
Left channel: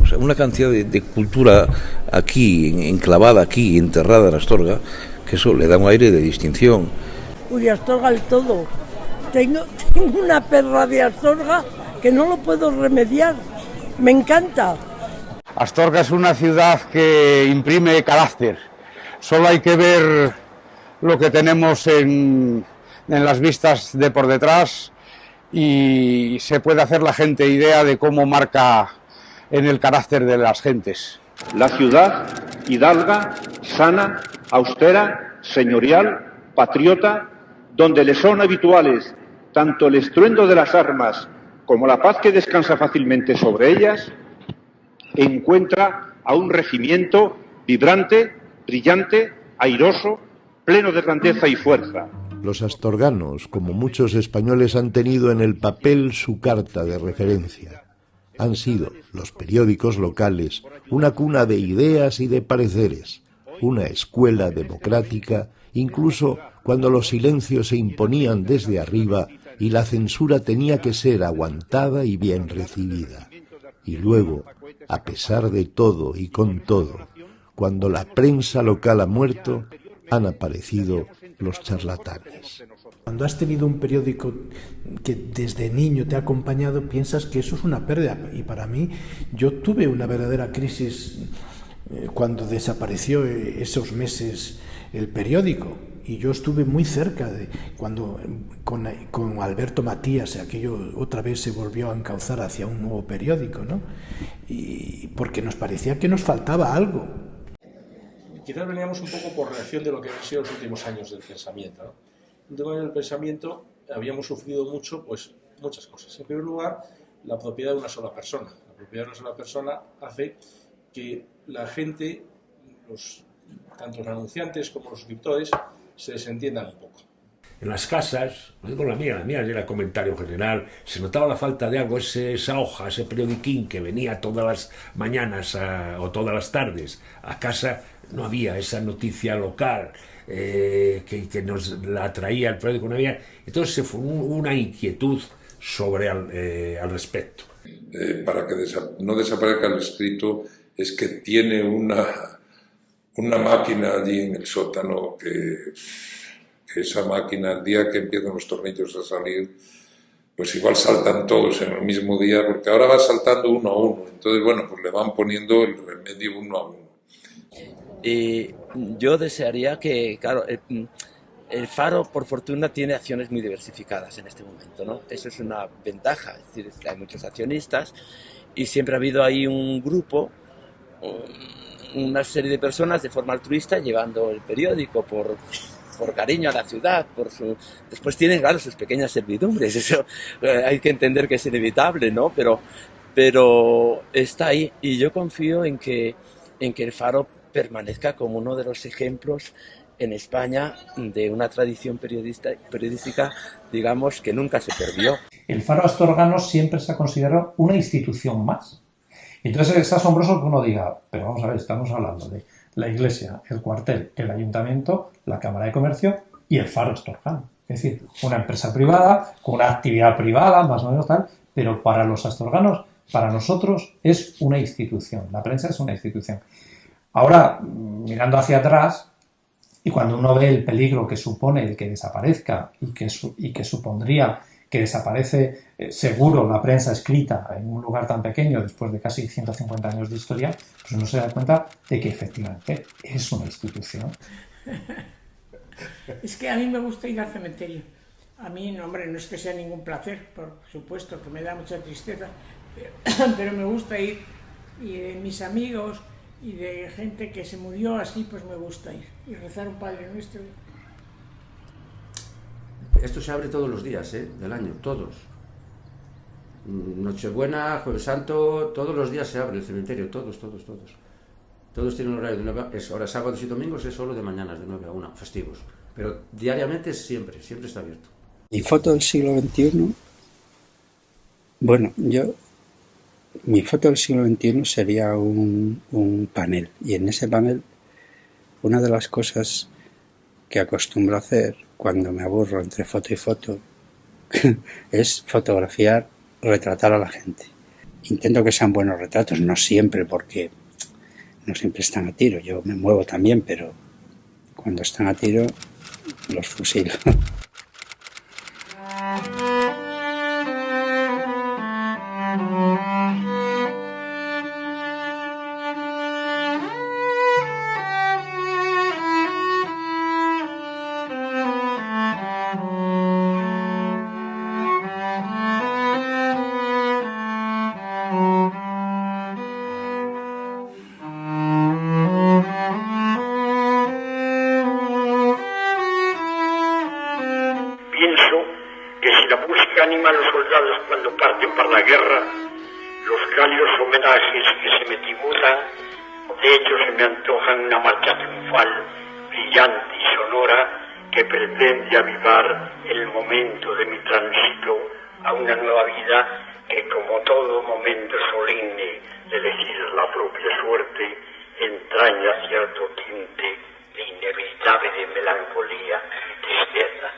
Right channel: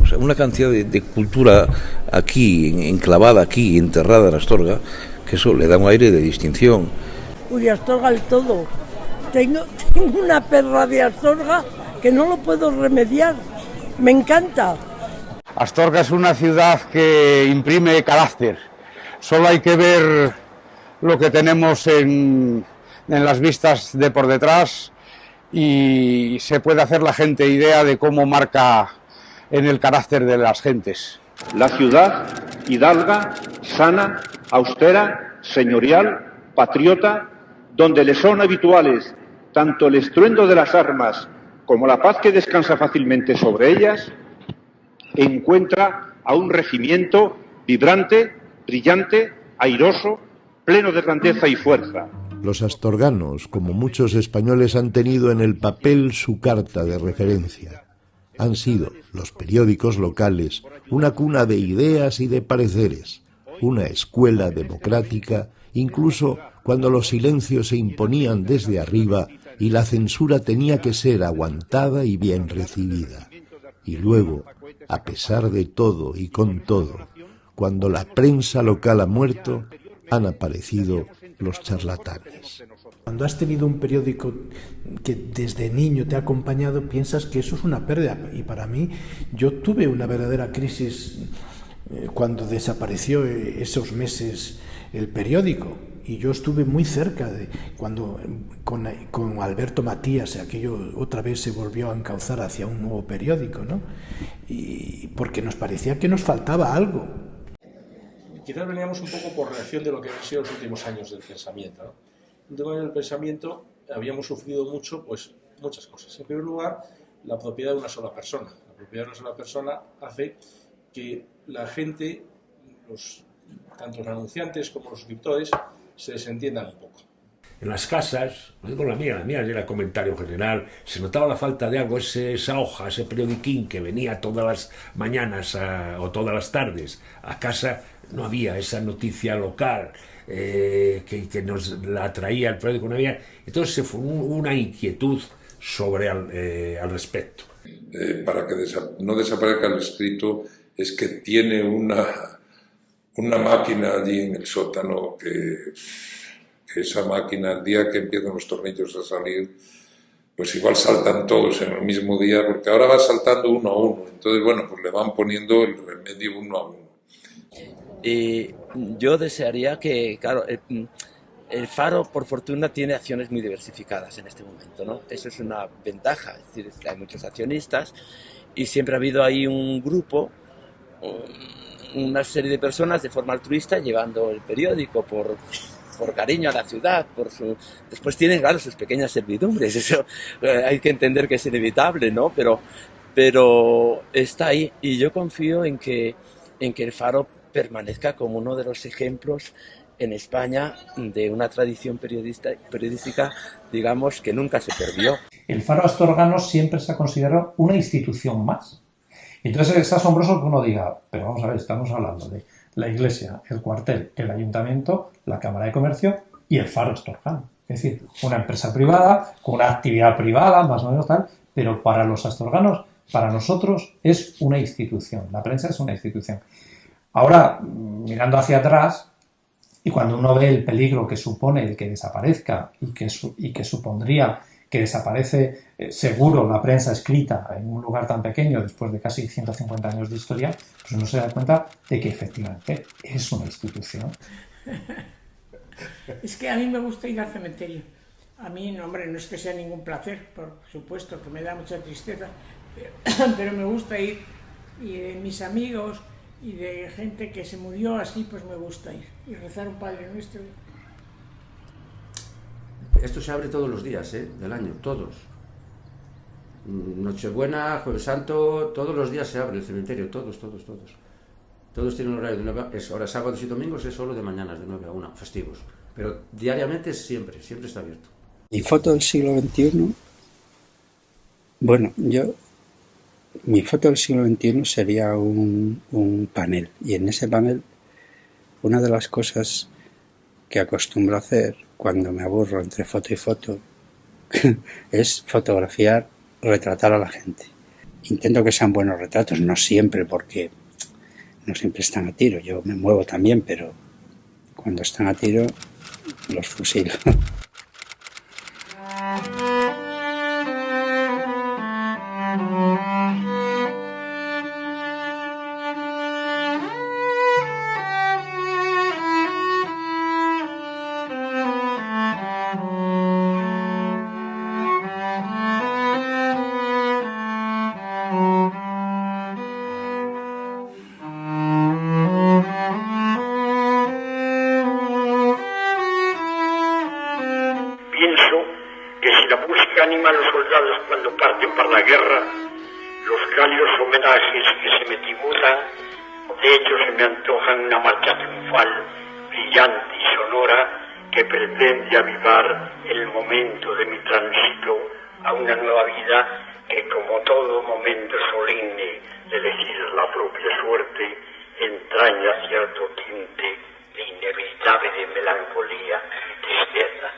o sea, una cantidad de cultura aquí, enclavada aquí, enterrada en Astorga, que eso le da un aire de distinción. Uy, Astorga el todo. Tengo una perra de Astorga que no lo puedo remediar. Me encanta. Astorga es una ciudad que imprime carácter. Solo hay que ver lo que tenemos en las vistas de por detrás y se puede hacer la gente idea de cómo marca en el carácter de las gentes. La ciudad hidalga, sana, austera, señorial, patriota, donde le son habituales tanto el estruendo de las armas como la paz que descansa fácilmente sobre ellas, encuentra a un regimiento vibrante, brillante, airoso, pleno de grandeza y fuerza. Los astorganos, como muchos españoles, han tenido en el papel su carta de referencia. Han sido los periódicos locales una cuna de ideas y de pareceres, una escuela democrática, incluso cuando los silencios se imponían desde arriba y la censura tenía que ser aguantada y bien recibida. Y luego, a pesar de todo y con todo, cuando la prensa local ha muerto, han aparecido los charlatanes. Cuando has tenido un periódico que desde niño te ha acompañado, piensas que eso es una pérdida. Y para mí, yo tuve una verdadera crisis cuando desapareció esos meses el periódico. Y yo estuve muy cerca de cuando con Alberto Matías aquello otra vez se volvió a encauzar hacia un nuevo periódico, ¿no? Y porque nos parecía que nos faltaba algo. Quizás veníamos un poco por reacción de lo que han sido los últimos años del pensamiento, ¿no? En el tema del pensamiento habíamos sufrido mucho, pues muchas cosas. En primer lugar, la propiedad de una sola persona. La propiedad de una sola persona hace que la gente, tanto los anunciantes como los suscriptores, se desentiendan un poco. En las casas, no digo la mía era comentario general, se notaba la falta de algo, esa hoja, ese periodiquín que venía todas las mañanas o todas las tardes a casa, no había esa noticia local que nos la traía el periódico, no había. Entonces se formó una inquietud sobre al respecto. Para que no desaparezca el escrito es que tiene una máquina allí en el sótano que esa máquina, el día que empiezan los tornillos a salir, pues igual saltan todos en el mismo día, porque ahora va saltando uno a uno. Entonces, bueno, pues le van poniendo el remedio uno a uno. Y yo desearía que, claro, el Faro, por fortuna, tiene acciones muy diversificadas en este momento, ¿no? Eso es una ventaja, es decir, hay muchos accionistas y siempre ha habido ahí un grupo, una serie de personas de forma altruista llevando el periódico por cariño a la ciudad, después tienen, claro, sus pequeñas servidumbres, eso hay que entender que es inevitable, ¿no? Pero está ahí y yo confío en que el Faro permanezca como uno de los ejemplos en España de una tradición periodística, digamos, que nunca se perdió. El Faro astorgano siempre se ha considerado una institución más. Entonces es asombroso que uno diga, pero vamos a ver, estamos hablando de la iglesia, el cuartel, el ayuntamiento, la Cámara de Comercio y el Faro astorgano. Es decir, una empresa privada, con una actividad privada, más o menos tal, pero para los astorganos, para nosotros, es una institución. La prensa es una institución. Ahora, mirando hacia atrás, y cuando uno ve el peligro que supone el que desaparezca y que supondría que desaparece seguro la prensa escrita en un lugar tan pequeño después de casi 150 años de historia, pues uno se da cuenta de que efectivamente es una institución. Es que a mí me gusta ir al cementerio. A mí, no, hombre, no es que sea ningún placer, por supuesto, que me da mucha tristeza, pero me gusta ir, y de mis amigos y de gente que se murió así, pues me gusta ir y rezar un Padre Nuestro. Esto se abre todos los días del año, todos. Nochebuena, Jueves Santo, todos los días se abre el cementerio, todos. Todos tienen un horario de 9 a... Ahora sábados y domingos es solo de mañanas, de 9 a 1, festivos. Pero diariamente siempre está abierto. Mi foto del siglo XXI, bueno, mi foto del siglo XXI sería un panel. Y en ese panel, una de las cosas que acostumbro a hacer cuando me aburro entre foto y foto es fotografiar, retratar a la gente. Intento que sean buenos retratos, no siempre, porque no siempre están a tiro. Yo me muevo también, pero cuando están a tiro los fusilo. animan los soldados cuando parten para la guerra, los cálidos homenajes que se me tributan, de hecho se me antojan una marcha triunfal, brillante y sonora, que pretende avivar el momento de mi tránsito a una nueva vida que, como todo momento solemne de elegir la propia suerte, entraña cierto tinte de inevitable de melancolía y tristeza.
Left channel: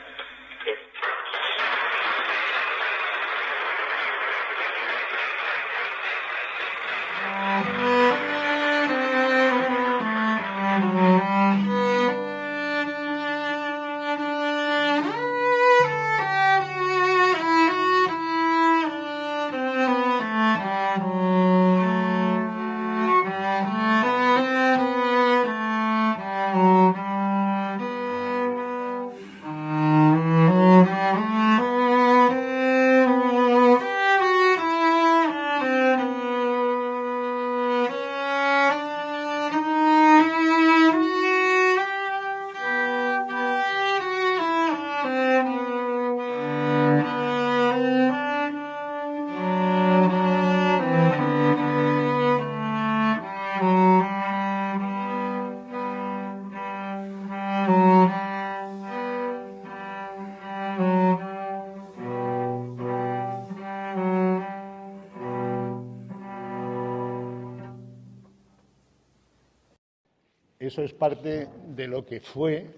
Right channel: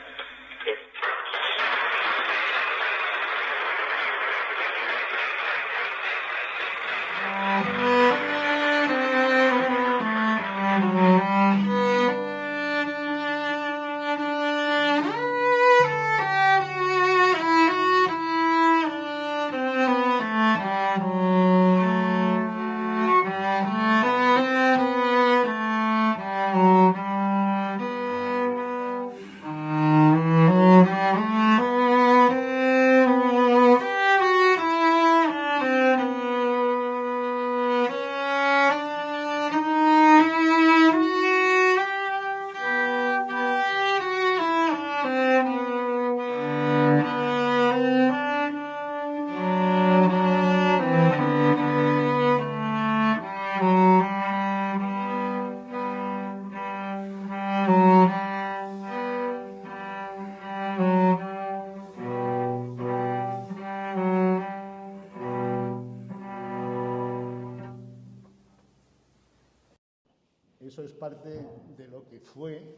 Eso es parte de lo que fue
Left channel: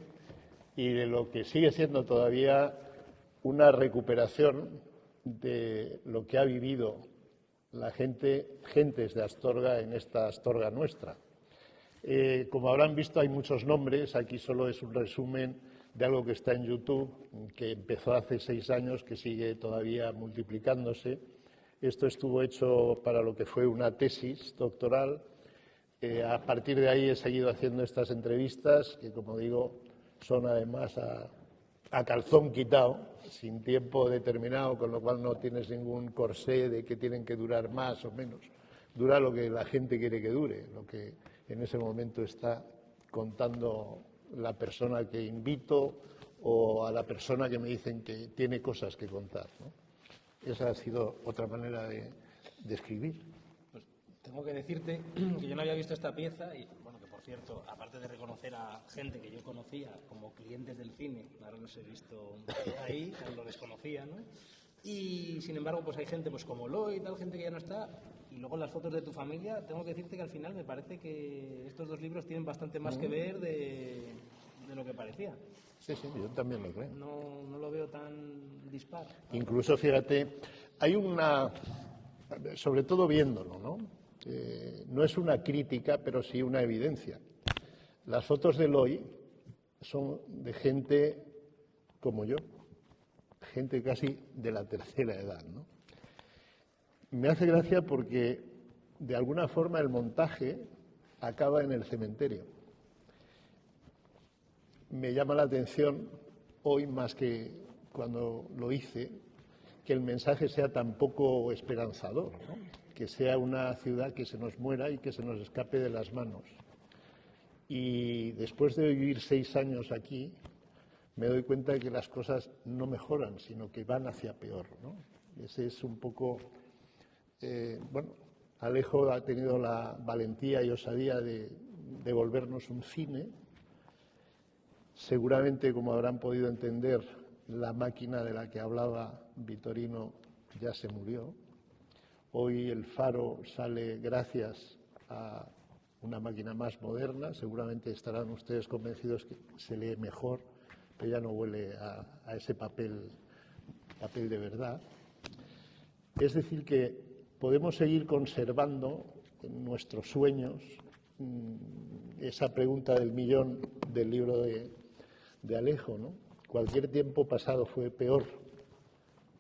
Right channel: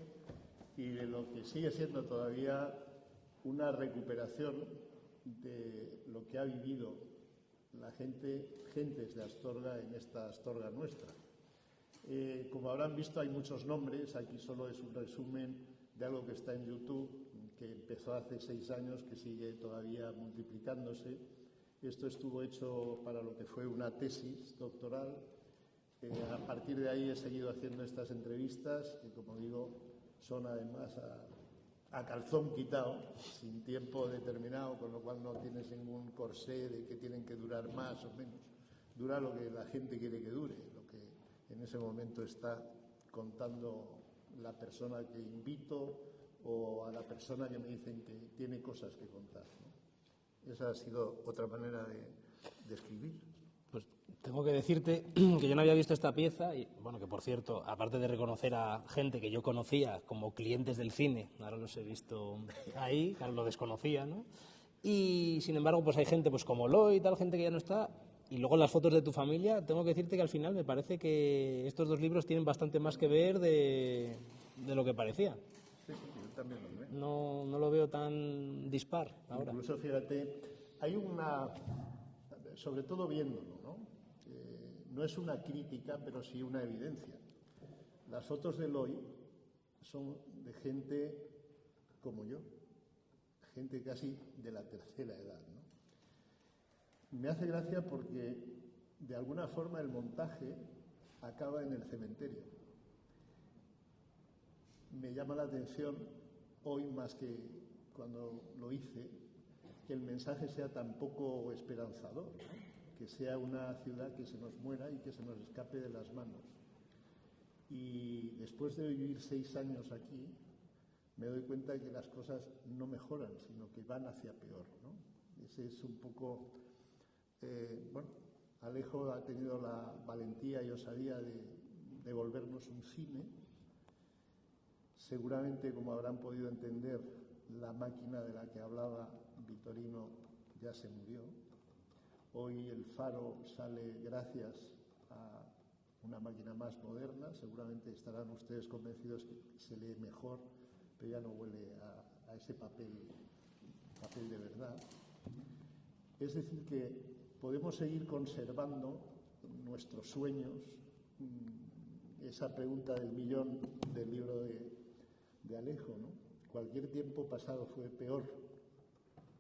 y de lo que sigue siendo todavía una recuperación de lo que ha vivido la gentes de Astorga en esta Astorga nuestra. Como habrán visto, hay muchos nombres, aquí solo es un resumen de algo que está en YouTube, que empezó hace 6 años, que sigue todavía multiplicándose. Esto estuvo hecho para lo que fue una tesis doctoral. A partir de ahí he seguido haciendo estas entrevistas, que como digo, son además a calzón quitado, sin tiempo determinado, con lo cual no tienes ningún corsé de que tienen que durar más o menos. Dura lo que la gente quiere que dure, lo que en ese momento está contando la persona que invito o a la persona que me dicen que tiene cosas que contar, ¿no? Esa ha sido otra manera de escribir. Pues tengo que decirte que yo no había visto esta pieza y, bueno, que por cierto, aparte de reconocer a gente que yo conocía como clientes del cine, ahora los he visto ahí, claro, lo desconocía, ¿no? Y, sin embargo, pues hay gente pues como Loy y tal, gente que ya no está. Y luego las fotos de tu familia, tengo que decirte que al final me parece que estos 2 libros tienen bastante más que ver de lo que parecía. Sí, sí, yo también lo creo. No lo veo tan dispar. Incluso, fíjate, hay una, sobre todo viéndolo, ¿no? No es una crítica, pero sí una evidencia. Las fotos de Loy son de gente como yo, gente casi de la tercera edad, ¿no? Me hace gracia porque, de alguna forma, el montaje acaba en el cementerio. Me llama la atención, hoy más que cuando lo hice, que el mensaje sea tan poco esperanzador, ¿no? Que sea una ciudad que se nos muera y que se nos escape de las manos. Y después de vivir 6 años aquí, me doy cuenta de que las cosas no mejoran, sino que van hacia peor, ¿no? Ese es un poco... bueno, Alejo ha tenido la valentía y osadía de devolvernos un cine. Seguramente, como habrán podido entender, la máquina de la que hablaba Vitorino ya se murió. Hoy el Faro sale gracias a una máquina más moderna. Seguramente estarán ustedes convencidos que se lee mejor, pero ya no huele a ese papel de verdad. Es decir, que podemos seguir conservando en nuestros sueños esa pregunta del millón del libro de Alejo, ¿no? Cualquier tiempo pasado fue peor,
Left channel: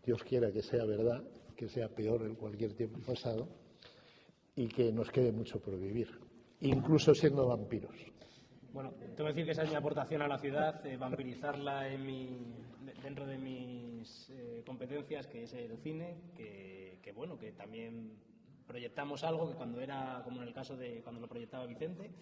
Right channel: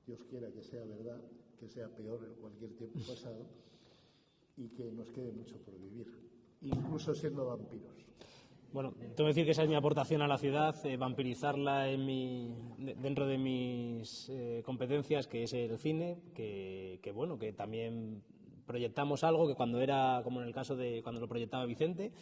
Dios quiera que sea verdad, que sea peor en cualquier tiempo pasado y que nos quede mucho por vivir, incluso siendo vampiros. Bueno, tengo que decir que esa es mi aportación a la ciudad, vampirizarla dentro de mis competencias, que es el cine, que bueno, que también proyectamos algo que cuando era, como en el caso de cuando lo proyectaba Vicente,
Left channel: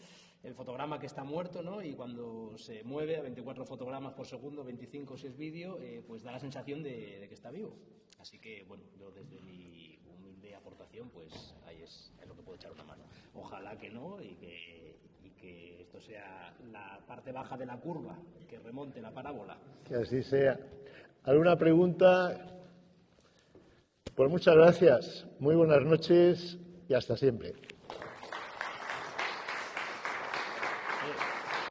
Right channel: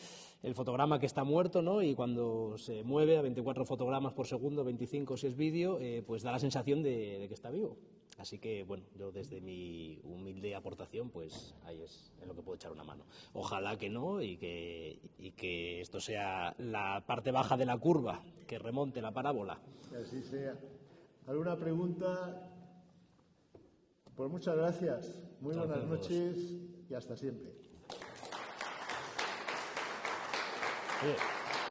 el fotograma que está muerto, ¿no? Y cuando se mueve a 24 fotogramas por segundo, 25 si es vídeo, pues da la sensación de que está vivo. Así que, bueno, yo desde mi humilde aportación, pues ahí es en lo que puedo echar una mano. Ojalá que no y que esto sea la parte baja de la curva, que remonte la parábola. Que así sea. ¿Alguna pregunta? Pues muchas gracias. Muy buenas noches y hasta siempre. Bien.